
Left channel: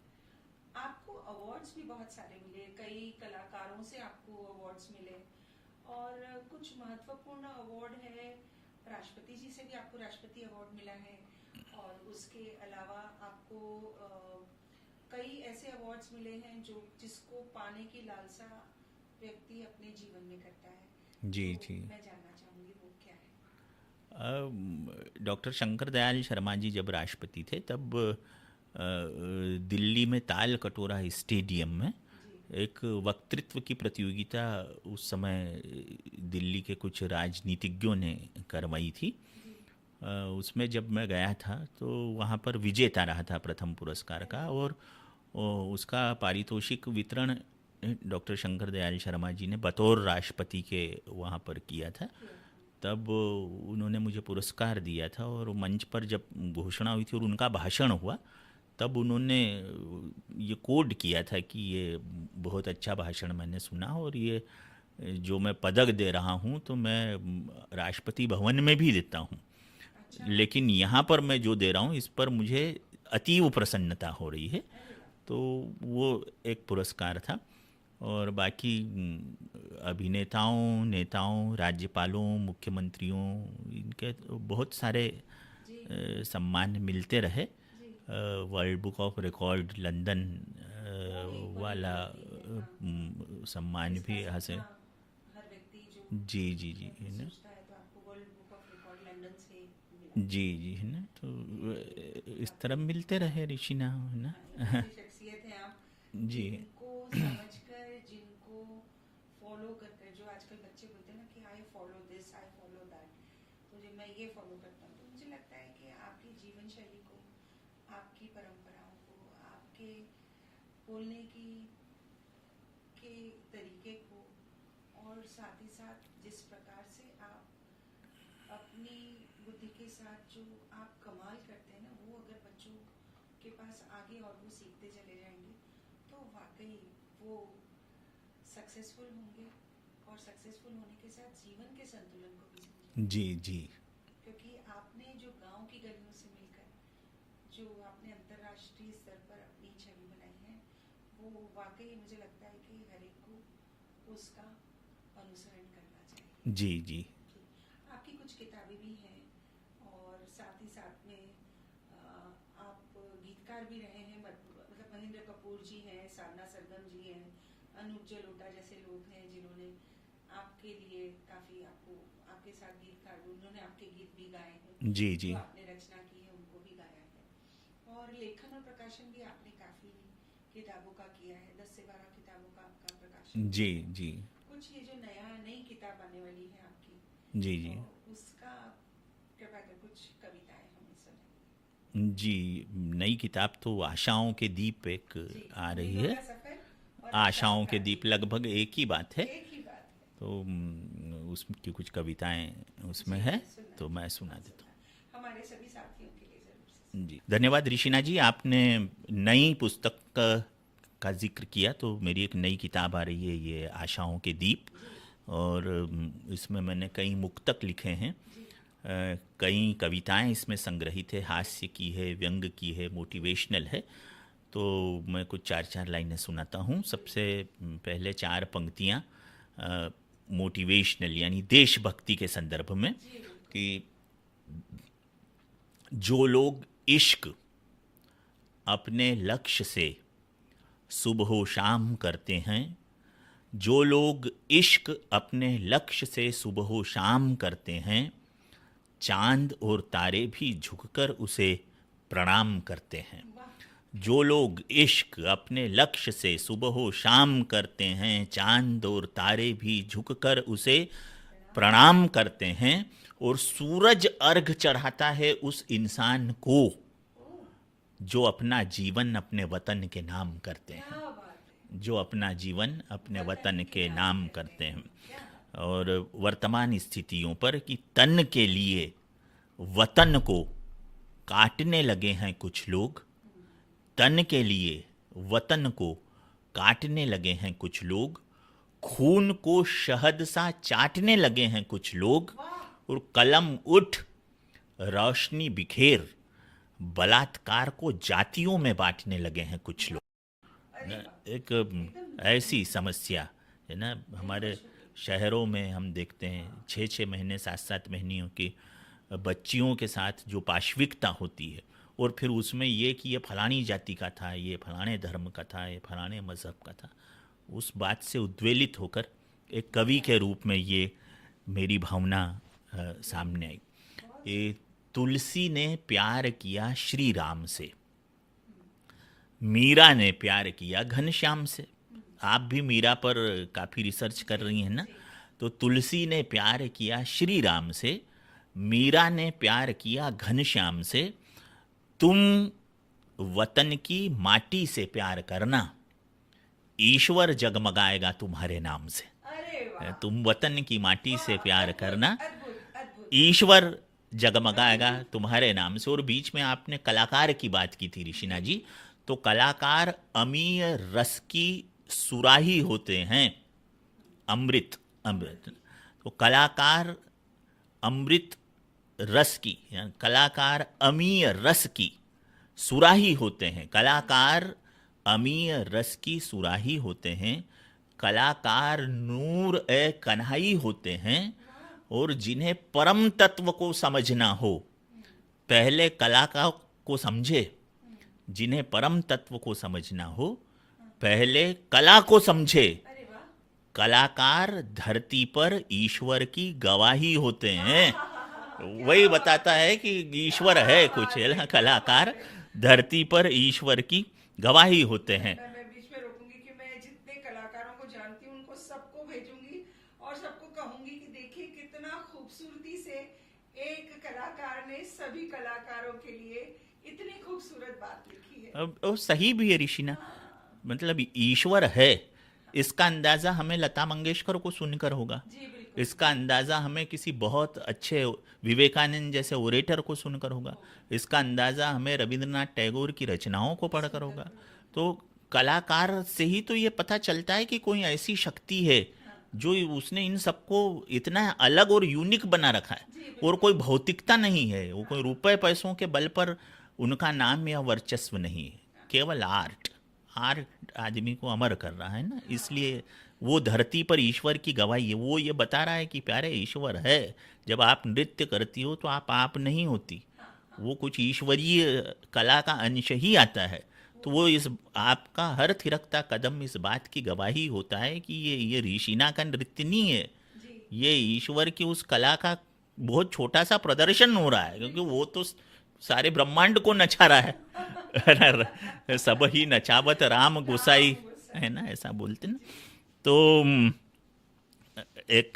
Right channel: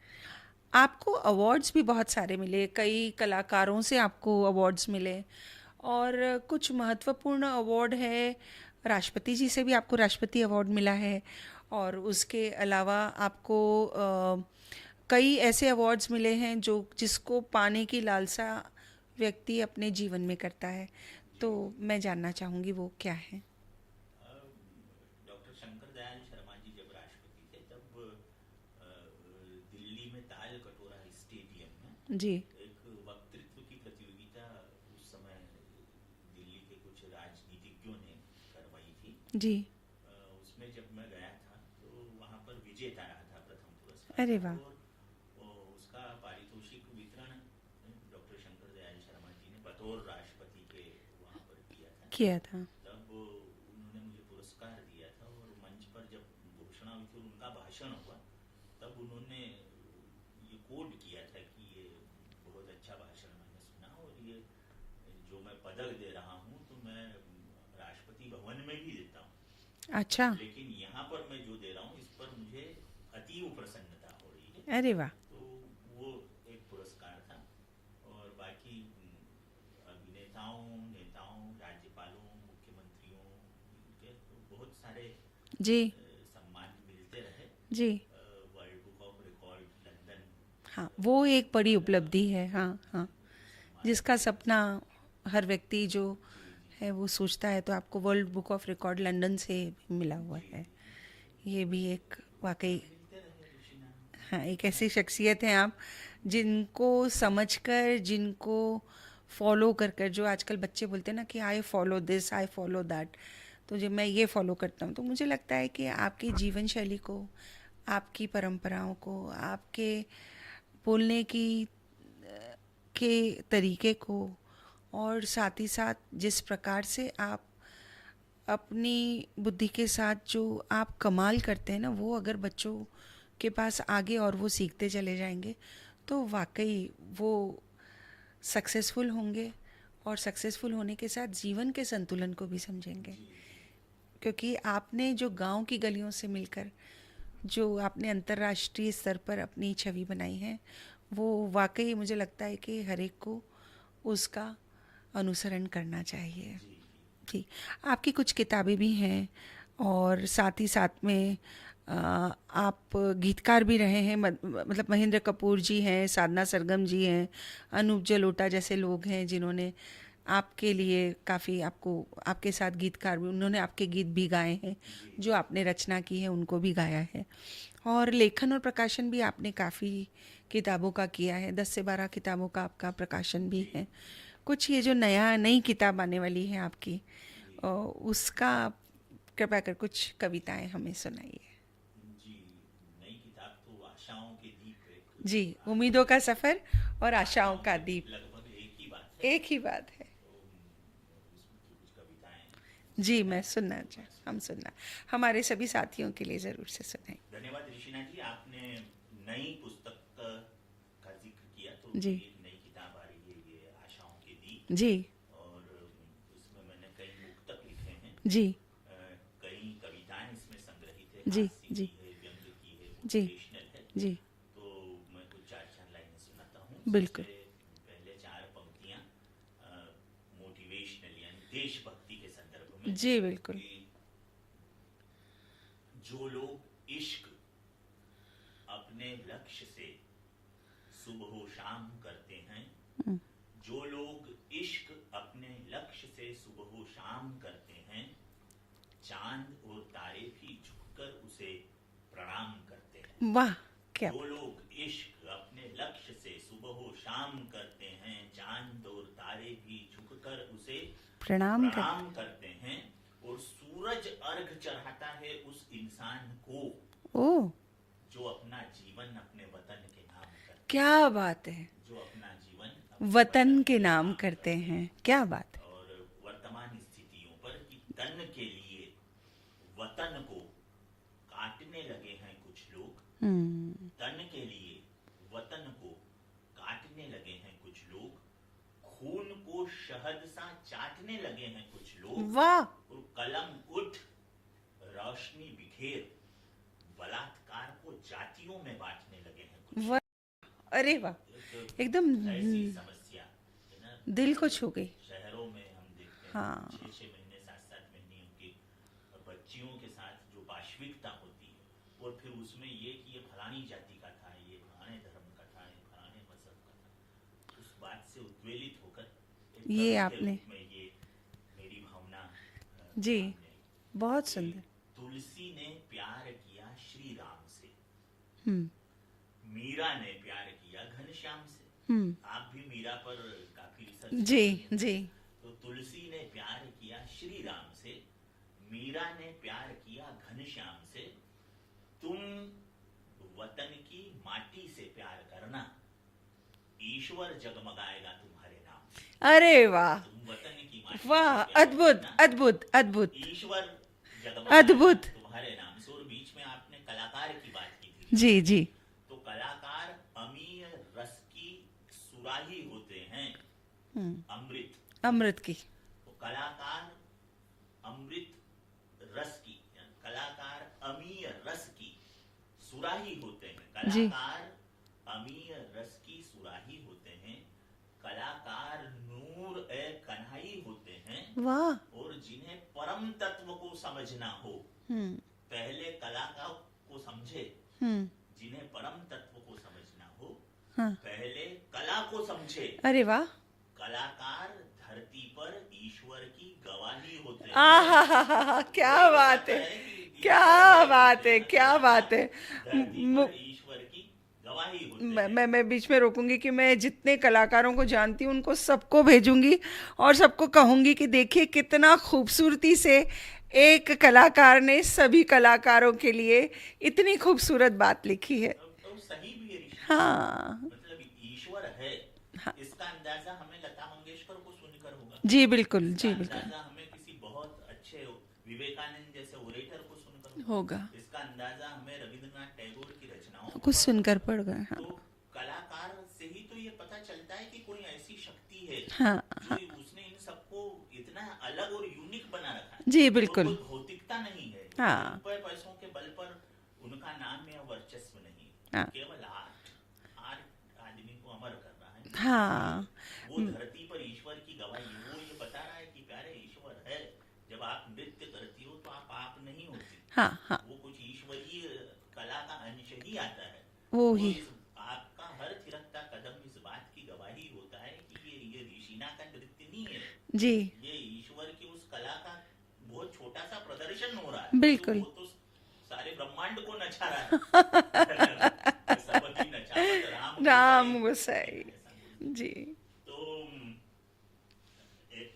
आपको अवार्ड्स भी बहुत सारे मिले, कई कलाकारों से आपको अवार्ड्स मिले, और कुछ महत्वपूर्ण अवार्ड है, राष्ट्रपति जी से भी आपको राष्ट्रपति अवार्ड मिला है। और उसके अलावा आपको कई ऐसे अवार्ड्स मिले हैं जो जिसको पाने की लालसा व्यक्ति अपने जीवन में करता है। जी, तो जी। मैं जानना चाहूँगी वो क्या है। डॉक्टर शंकर दयाल शर्मा जी जब राष्ट्रपति थे, तब दिल्ली में ताल कटोरा स्टेडियम में जी। एक वक्तृत्व की प्रतियोगिता उस समय दिल्ली के कुछ राजनीतिज्ञों ने करवाई थी। जी। उसमें जब मैं गया था तो वहाँ पर विजेता रहा था प्रथम पुरस्कार अरे का, वाह। और उसका पारितोषिक वितरण डॉक्टर शंकर दयाल शर्मा जी ने बतौर राष्ट्रपति के वहाँ पर किया था। किया था। तब उन्होंने मुझे पुरस्कार दिया था, और मंच पर जब घोषणा हुई थी और उनका भाषण हुआ, तब उन्होंने ये कोड किया था कि ये बहुत अच्छा भाषण मैंने सुना, और ये जो मैं पदक दे रहा हूँ तो मैं राष्ट्रपति भवन में भी देता हूँ, अच्छा। लेकिन यहाँ पर मैं जो दे रहा हूँ इस पर मुझे अतीव प्रसन्नता हो रही है। अरे वाह। तो वो एक पुरस्कार था। और बाकी अभिनेताओं, नेताओं, राज्यपालों, मुख्यमंत्रियों, इनके तो बहुत सारे जी। सम्मान मिलते रहे। जी। World book of record London हाँ, वो एक बड़ी वाला उपलब्धि है। हाँ, हाँ। जिसका भी सपना हासिल। हर व्यक्ति जो जी जी जी है वो जी सोचता है, तो आपको world book of record London से मिला हुआ जी है। जी, है ना। ये तो भी एक इस तरह वाकई, मिलते रहे ऋषिना, है ना। हाँ, एक ऐसी शख्सियत हैं आप जी जिनको समझकर, जिनको फॉलो कर कर, जो आजकल बच्चे बोलते हैं ना कि I follow this, I follow that, तो जब मैं ये फॉलो करता हूँ तो मुझे लगता है कि आपकी जीवन शैली को, आपकी परंपराओं को, आपके बोलने की के तरीके को, और साथ ही साथ जिस प्रकार से आप अपनी बुद्धि के साथ जो आप कमाल करते हैं ना, वो अगर बच्चों के पास आगे और वो सीखते चले जाएंगे, तो वाकई वो सक्सेसफुल होंगे, और सक्सेसफुल होने के साथ जीवन के संतुलन को भी समझेंगे। जी जी क्योंकि आपने जो गांव की गलियों से मिलकर जो आपने अंतर्राष्ट्रीय स्तर पर अपनी छवि बनाई है, वो वाकई मुझे लगता है कि हर एक को उसका अनुसरण करना चाहिए। जी जी जी, आपकी कुछ किताबें भी हैं, और साथ ही साथ में आप गीतकार भी रहे हैं, मतलब महेंद्र कपूर जी हैं, साधना सरगम जी हैं, अनूप जलोटा जैसे लोग हैं जिन्होंने आपके लिए काफ़ी, आपको, आपके साथ गीतकार भी, उन्होंने आपके गीत भी गाए हैं, जी जो जी आपने रचना की है उनको भी गाया है। और लेखन और प्रकाशन भी आपने काफ़ी किताबों का किया है, 10 से 12 किताबों का आपका प्रकाशन भी जी है। जी कुछ ये जो नई किताब आने वाली है आपकी, जी जी उसका आप कृपया कर कुछ कविताएं हमें सुनाइए। जी, नई किताब तो आशाओं के दीप एक जी, आ रही उम्मीदों है। का सफ़र और आशाओं आशाओं का के दीप दीप, लगभग एक ही बात है। एक ही बात है। तो उसकी कुछ कविताएं उसमें जी, है, मैं सुनना तो मैं सुना हम दूँ। सुनना, हमारे सभी साथियों के लिए ज़रूर से सुनाएं। जी, धन्यवाद ऋषिना जी। आपने नई पुस्तक का जिक्र किया, तो जी मेरी एक नई किताब आ रही है, ये आशाओं के दीप। जी और इसमें मैंने कई मुक्तक लिखे हैं। जी कई कविताएं इसमें संग्रहित है, जी हास्य जी की है, व्यंग की है, जी मोटिवेशनल है। जी, तो मैं कुछ 4-4 लाइनें सुनाता हूँ। सबसे बिल्कुल। पहले 4 पंक्तियाँ मोटिवेशनल यानी देशभक्ति के संदर्भ में, जी बिल्कुल। कि जो लोग इश्क अपने लक्ष्य से सुबह शाम करते हैं, जो लोग इश्क अपने लक्ष्य से सुबह शाम करते हैं, चांद और तारे भी झुककर उसे प्रणाम करते हैं। वाह, क्या जो लोग इश्क अपने लक्ष्य से सुबह शाम करते हैं, चांद और तारे भी झुककर उसे प्रणाम कर, प्रणाम करते हैं, और सूरज अर्घ चढ़ाता है उस इंसान को ओ, जो अपना जीवन अपने वतन के नाम करते हैं। क्या बात है, जो अपना जीवन अपने वतन वतन के के नाम नाम करते करते हैं, हैं। क्या बात। और वर्तमान स्थितियों पर कि तन के लिए वतन को काटने लगे हैं कुछ लोग, तन के लिए वतन को काटने लगे हैं कुछ लोग, खून को शहद सा चाटने लगे हैं कुछ लोग, वाह, और कलम उठ रोशनी बिखेर बलात्कार को जातियों में बांटने लगे हैं कुछ वाह, लोग। अरे वाह, एक एकदम ऐसी समस्या है ना, दिल को हमारे छू गई। शहरों में हम देखते हैं हाँ, 6-6 महीने 7-7 महीनियों की बच्चियों के साथ जो पाशविकता होती है, और फिर उसमें ये कि ये फलानी जाति का था, ये फलाने धर्म का था, ये फलाने मज़हब का था, उस बात से उद्वेलित होकर एक ये कवि के आपने, रूप में ये मेरी भावना जी, सामने आई। बहुत ये सुंदर। तुलसी ने प्यार किया श्री राम से, हम्म मीरा ने प्यार किया घनश्याम से। हम्म, आप भी मीरा पर काफ़ी रिसर्च कर जी रही हैं ना। जी, तो तुलसी ने प्यार किया श्री राम से, मीरा ने प्यार किया घनश्याम से। तुम वतन की माटी से प्यार करना, ईश्वर जगमगाएगा तुम्हारे नाम से। अरे वाह, तुम वतन की माटी से वाह, प्यार अद्भुत करना, अद्भुत अद्भुत ईश्वर जगमगाएगा अद्भुत। तुम्हारे नाम से। और बीच में आपने कलाकार की बात की थी ऋषिना जी जी। जी, तो कलाकार अमीय रस की सुराही होते हैं, अमृत अमृत की, तो कलाकार अमृत रस की, यानी कलाकार अमीय रस की सुराही होते हैं। जी, कलाकार अमीय रस की सुराही होते हैं, कलाकार नूर ए कन्हई होते हैं। वाह, और जिन्हें परम तत्व को समझना हो, पहले कला को समझे। हम्म, जिन्हें परम तत्व को समझना हो, हाँ। पहले कला को समझे। अरे वाह। कलाकार धरती पर ईश्वर की गवाही होते हैं। आहाहाहा, क्या वही बात बताता है, है कि ईश्वर क्या है कुछ, बात है है, ना। क्या बात कलाकार है। धरती पर मु- ईश्वर की गवाही होते मैं हैं। मैं मैं बीच में रोकूंगी कि मैं जितने कलाकारों को जानती हूँ उनको सबको भेजूंगी और सबको कहूंगी कि देखिए कितना खूबसूरती से एक कलाकार ने सभी कलाकारों के लिए इतनी खूबसूरत बात लिखी है। अब वो सही भी है ऋषिना जी। हाँ। मतलब ईश्वर है, हाँ इसका अंदाजा हमें लता मंगेशकर को सुनकर होगा। जी बिल्कुल, इसका जी बिल्कुल अंदाजा हमें किसी बहुत अच्छे विवेकानंद जैसे ओरेटर को सुनकर होगा। होगा। इसका अंदाजा हमें रविंद्रनाथ टैगोर की रचनाओं को कुछ पढ़कर सुनकर होगा। पड़ गए। हाँ तो कलाकार से ही तो ये पता चलता है कि कोई ऐसी शक्ति है हाँ जो हाँ। उसने इन सबको इतना अलग और यूनिक बना रखा है। जी और बिल्कुल। कोई भौतिकता नहीं है, वो कोई हाँ रुपए पैसों के बल पर उनका नाम या वर्चस्व नहीं है। हाँ केवल आर्ट। आर्ट आदमी को अमर कर रहा है ना, इसलिए हाँ। वो धरती पर ईश्वर की गवाही है। वो ये बता रहा है कि प्यारे ईश्वर है। जब आप नृत्य करती हो तो आप नहीं होती, हाँ हाँ। वो कुछ ईश्वरीय कला का अंश ही आता है। तो वो वो ही। इस आपका हर थिरकता कदम इस बात की गवाही होता है कि ये ऋषिना का नृत्य नहीं है, जी ये ईश्वर की उस कला का बहुत छोटा सा प्रदर्शन हो रहा है। क्योंकि बिल्कुल। वो तो सारे ब्रह्मांड को नचा रहा है। सब ही नचावत राम गोसाई, राम है ना, गोसाई। ऐसा बोलते हैं। जी। तो एक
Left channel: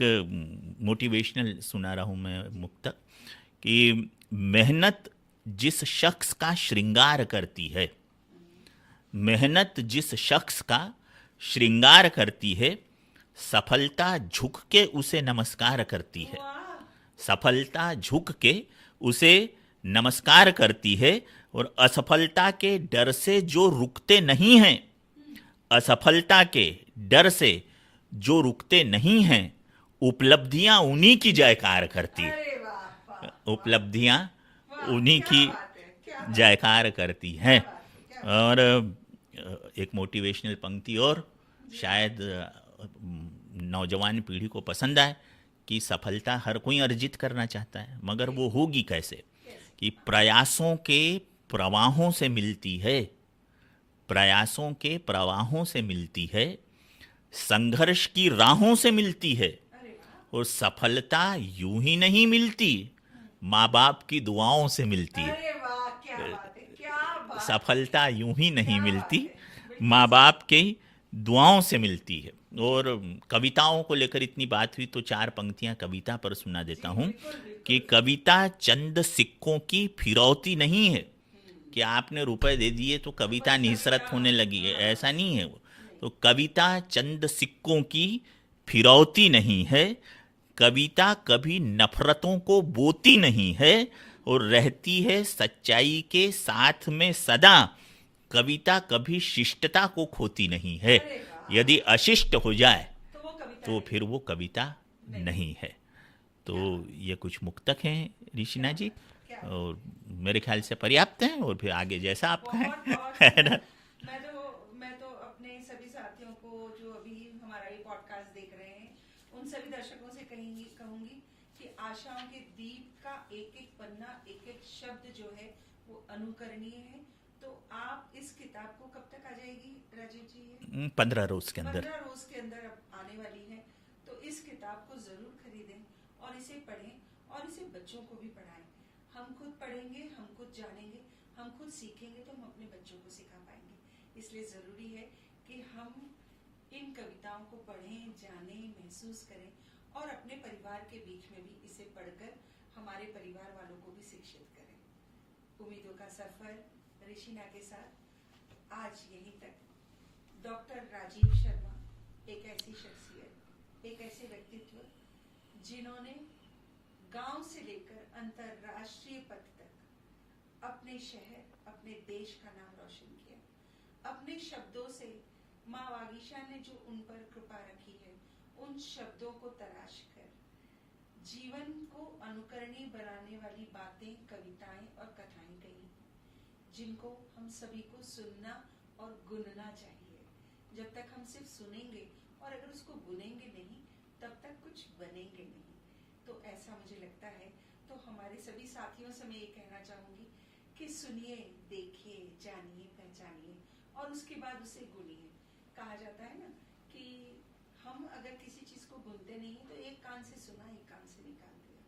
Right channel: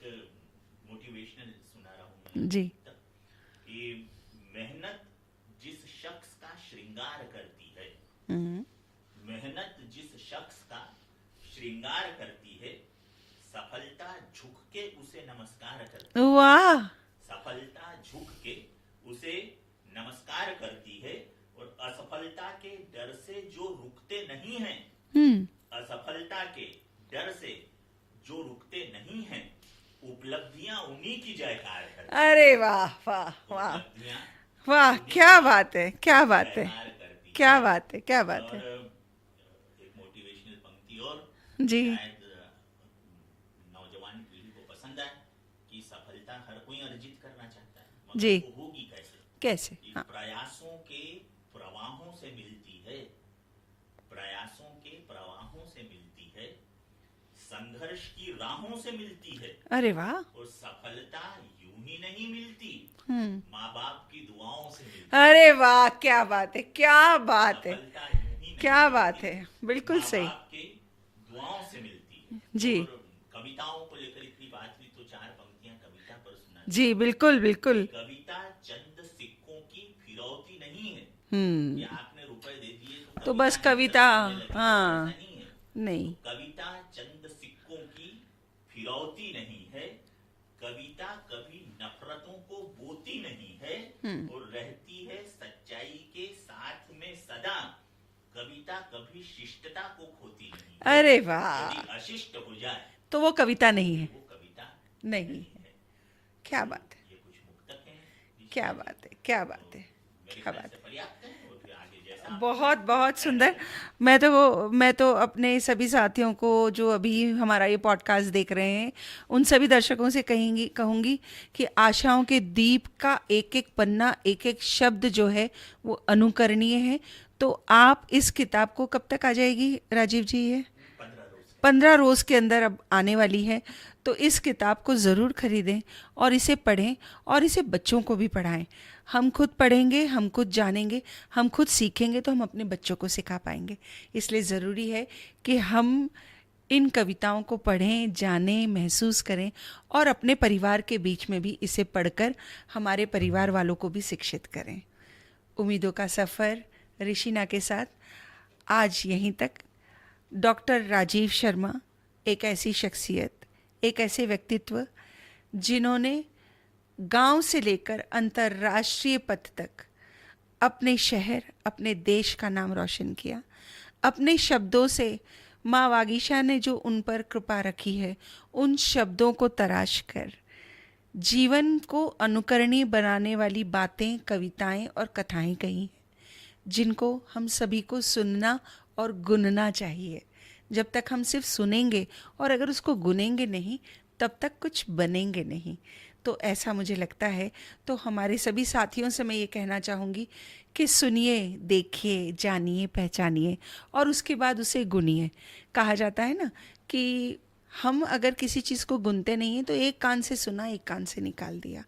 मोटिवेशनल सुना रहा हूँ मैं जी। मुक्तक कि मेहनत जिस शख्स का श्रृंगार करती है, हम्म। मेहनत जिस शख्स का श्रृंगार करती है, सफलता झुक के उसे नमस्कार करती है। वाह। सफलता झुक के उसे नमस्कार करती है। और असफलता के डर से जो रुकते नहीं हैं, हम्म। असफलता के डर से जो रुकते नहीं हैं, उपलब्धियां उन्हीं की जयकार करती है। अरे वाह वाह वाह। उपलब्धियां वाह उन्हीं क्या की बात है, क्या बात है, जयकार करती क्या हैं। बात है, क्या बात और एक मोटिवेशनल पंक्ति और है। जी शायद नौजवान पीढ़ी को पसंद आए कि सफलता हर कोई अर्जित करना चाहता है, मगर जी। वो होगी कैसे? कैसे? कि हाँ। प्रयासों के प्रवाहों से मिलती है, प्रयासों के प्रवाहों से मिलती है, संघर्ष की राहों से मिलती है। अरे वाह। और सफलता यूं ही नहीं मिलती, माँ बाप की दुआओं से मिलती है। अरे वाह क्या बात है, क्या बात है, सफलता यूं ही नहीं क्या बात मिलती, है, बिल्कुल माँ सही। बाप की दुआओं से मिलती है। जी। और कविताओं को लेकर इतनी बात हुई तो चार पंक्तियां कविता पर सुना देता जी हूँ। बिल्कुल कि बिल्कुल। कविता चंद सिक्कों की फिरौती नहीं है हम्म। कि आपने रुपए दे दिए तो कविता बस निसरत कविता, होने लगी है, हाँ। ऐसा नहीं है वो। नहीं। तो कविता चंद सिक्कों की फिरौती नहीं है, कविता कभी नफरतों को बोती नहीं है, और रहती है सच्चाई के साथ में सदा। कविता कभी शिष्टता को खोती नहीं है। अरे वाह। यदि अशिष्ट हो जाए तो वो कविता तो नहीं फिर है। वो कविता नहीं। नहीं है। क्या तो बात ये कुछ मुक्तक हैं ऋषिना क्या जी, बात है, क्या बात और है। मेरे ख्याल से पर्याप्त हैं। और फिर आगे जैसा आप बहुत बहुत सुंदर। मैं तो अपने सभी साथियों को जो अभी हमारा ये पॉडकास्ट देख रहे हैं, उन सभी दर्शकों से कहूंगी कि आशाओं के दीप का एक एक पन्ना, एक एक शब्द जो है वो अनुकरणीय है। तो आप इस किताब को कब तक आ जाएगी राजीव जी? ये 15 रोज के अंदर 15 रोज के अंदर अब आने वाली है। तो इस किताब को ज़रूर खरीदें और इसे पढ़ें और इसे बच्चों को भी पढ़ाएं। हम खुद पढ़ेंगे, हम खुद जानेंगे, हम खुद सीखेंगे तो हम अपने बच्चों को सिखा पाएंगे। इसलिए ज़रूरी है कि हम इन कविताओं को पढ़ें, जानें, महसूस करें और अपने परिवार के बीच में भी इसे पढ़कर हमारे परिवार वालों को भी शिक्षित करें। उम्मीदों का सफ़र ऋषिना के साथ आज यहीं तक। डॉक्टर राजीव शर्मा एक ऐसी शख्सियत, एक ऐसे व्यक्तित्व जिन्होंने गांव से लेकर अंतर्राष्ट्रीय पद तक अपने शहर, अपने देश का नाम रोशन किया। अपने शब्दों से माँ वागीशा ने जो उन पर कृपा रखी है, उन शब्दों को तराश कर जीवन को अनुकरणीय बनाने वाली बातें, कविताएं और कथाएं कही हैं, जिनको हम सभी को सुनना और गुनना चाहिए। जब तक हम सिर्फ सुनेंगे और अगर उसको गुनेंगे नहीं, तब तक कुछ बनेंगे नहीं। तो ऐसा मुझे लगता है। तो हमारे सभी साथियों से मैं ये कहना चाहूँगी कि सुनिए, देखिए, जानिए, पहचानिए और उसके बाद उसे गुनिए। कहा जाता है ना कि हम अगर किसी चीज़ को गुनते नहीं हैं तो एक कान से सुना, एक कान से निकाल दिया।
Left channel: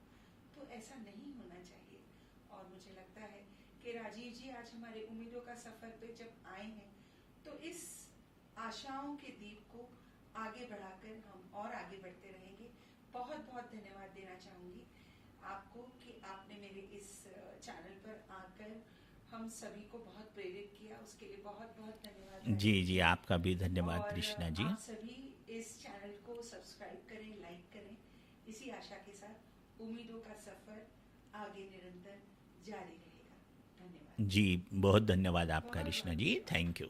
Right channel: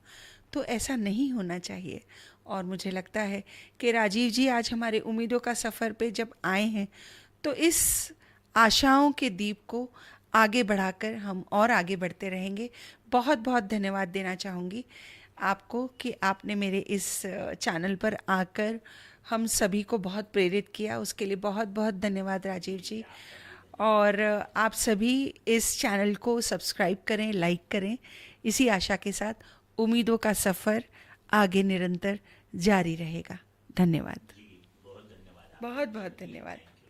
तो ऐसा नहीं होना चाहिए। और मुझे लगता है कि राजीव जी आज हमारे उम्मीदों का सफ़र पे जब आए हैं, तो इस आशाओं के दीप को आगे बढ़ाकर हम और आगे बढ़ते रहेंगे। बहुत बहुत धन्यवाद देना चाहूँगी आपको कि आपने मेरे इस चैनल पर आकर हम सभी को बहुत प्रेरित किया। उसके लिए बहुत बहुत धन्यवाद जी, राजीव जी, जी। आपका भी धन्यवाद और कृष्णा जी। आप सभी इस चैनल को सब्सक्राइब करें, लाइक करें। इसी आशा के साथ उम्मीदों का सफ़र आगे निरंतर जारी रहेगा। धन्यवाद। जी, बहुत धन्यवाद आपका बहुत कृष्णा बहुत जी। धन्यवाद। Thank you.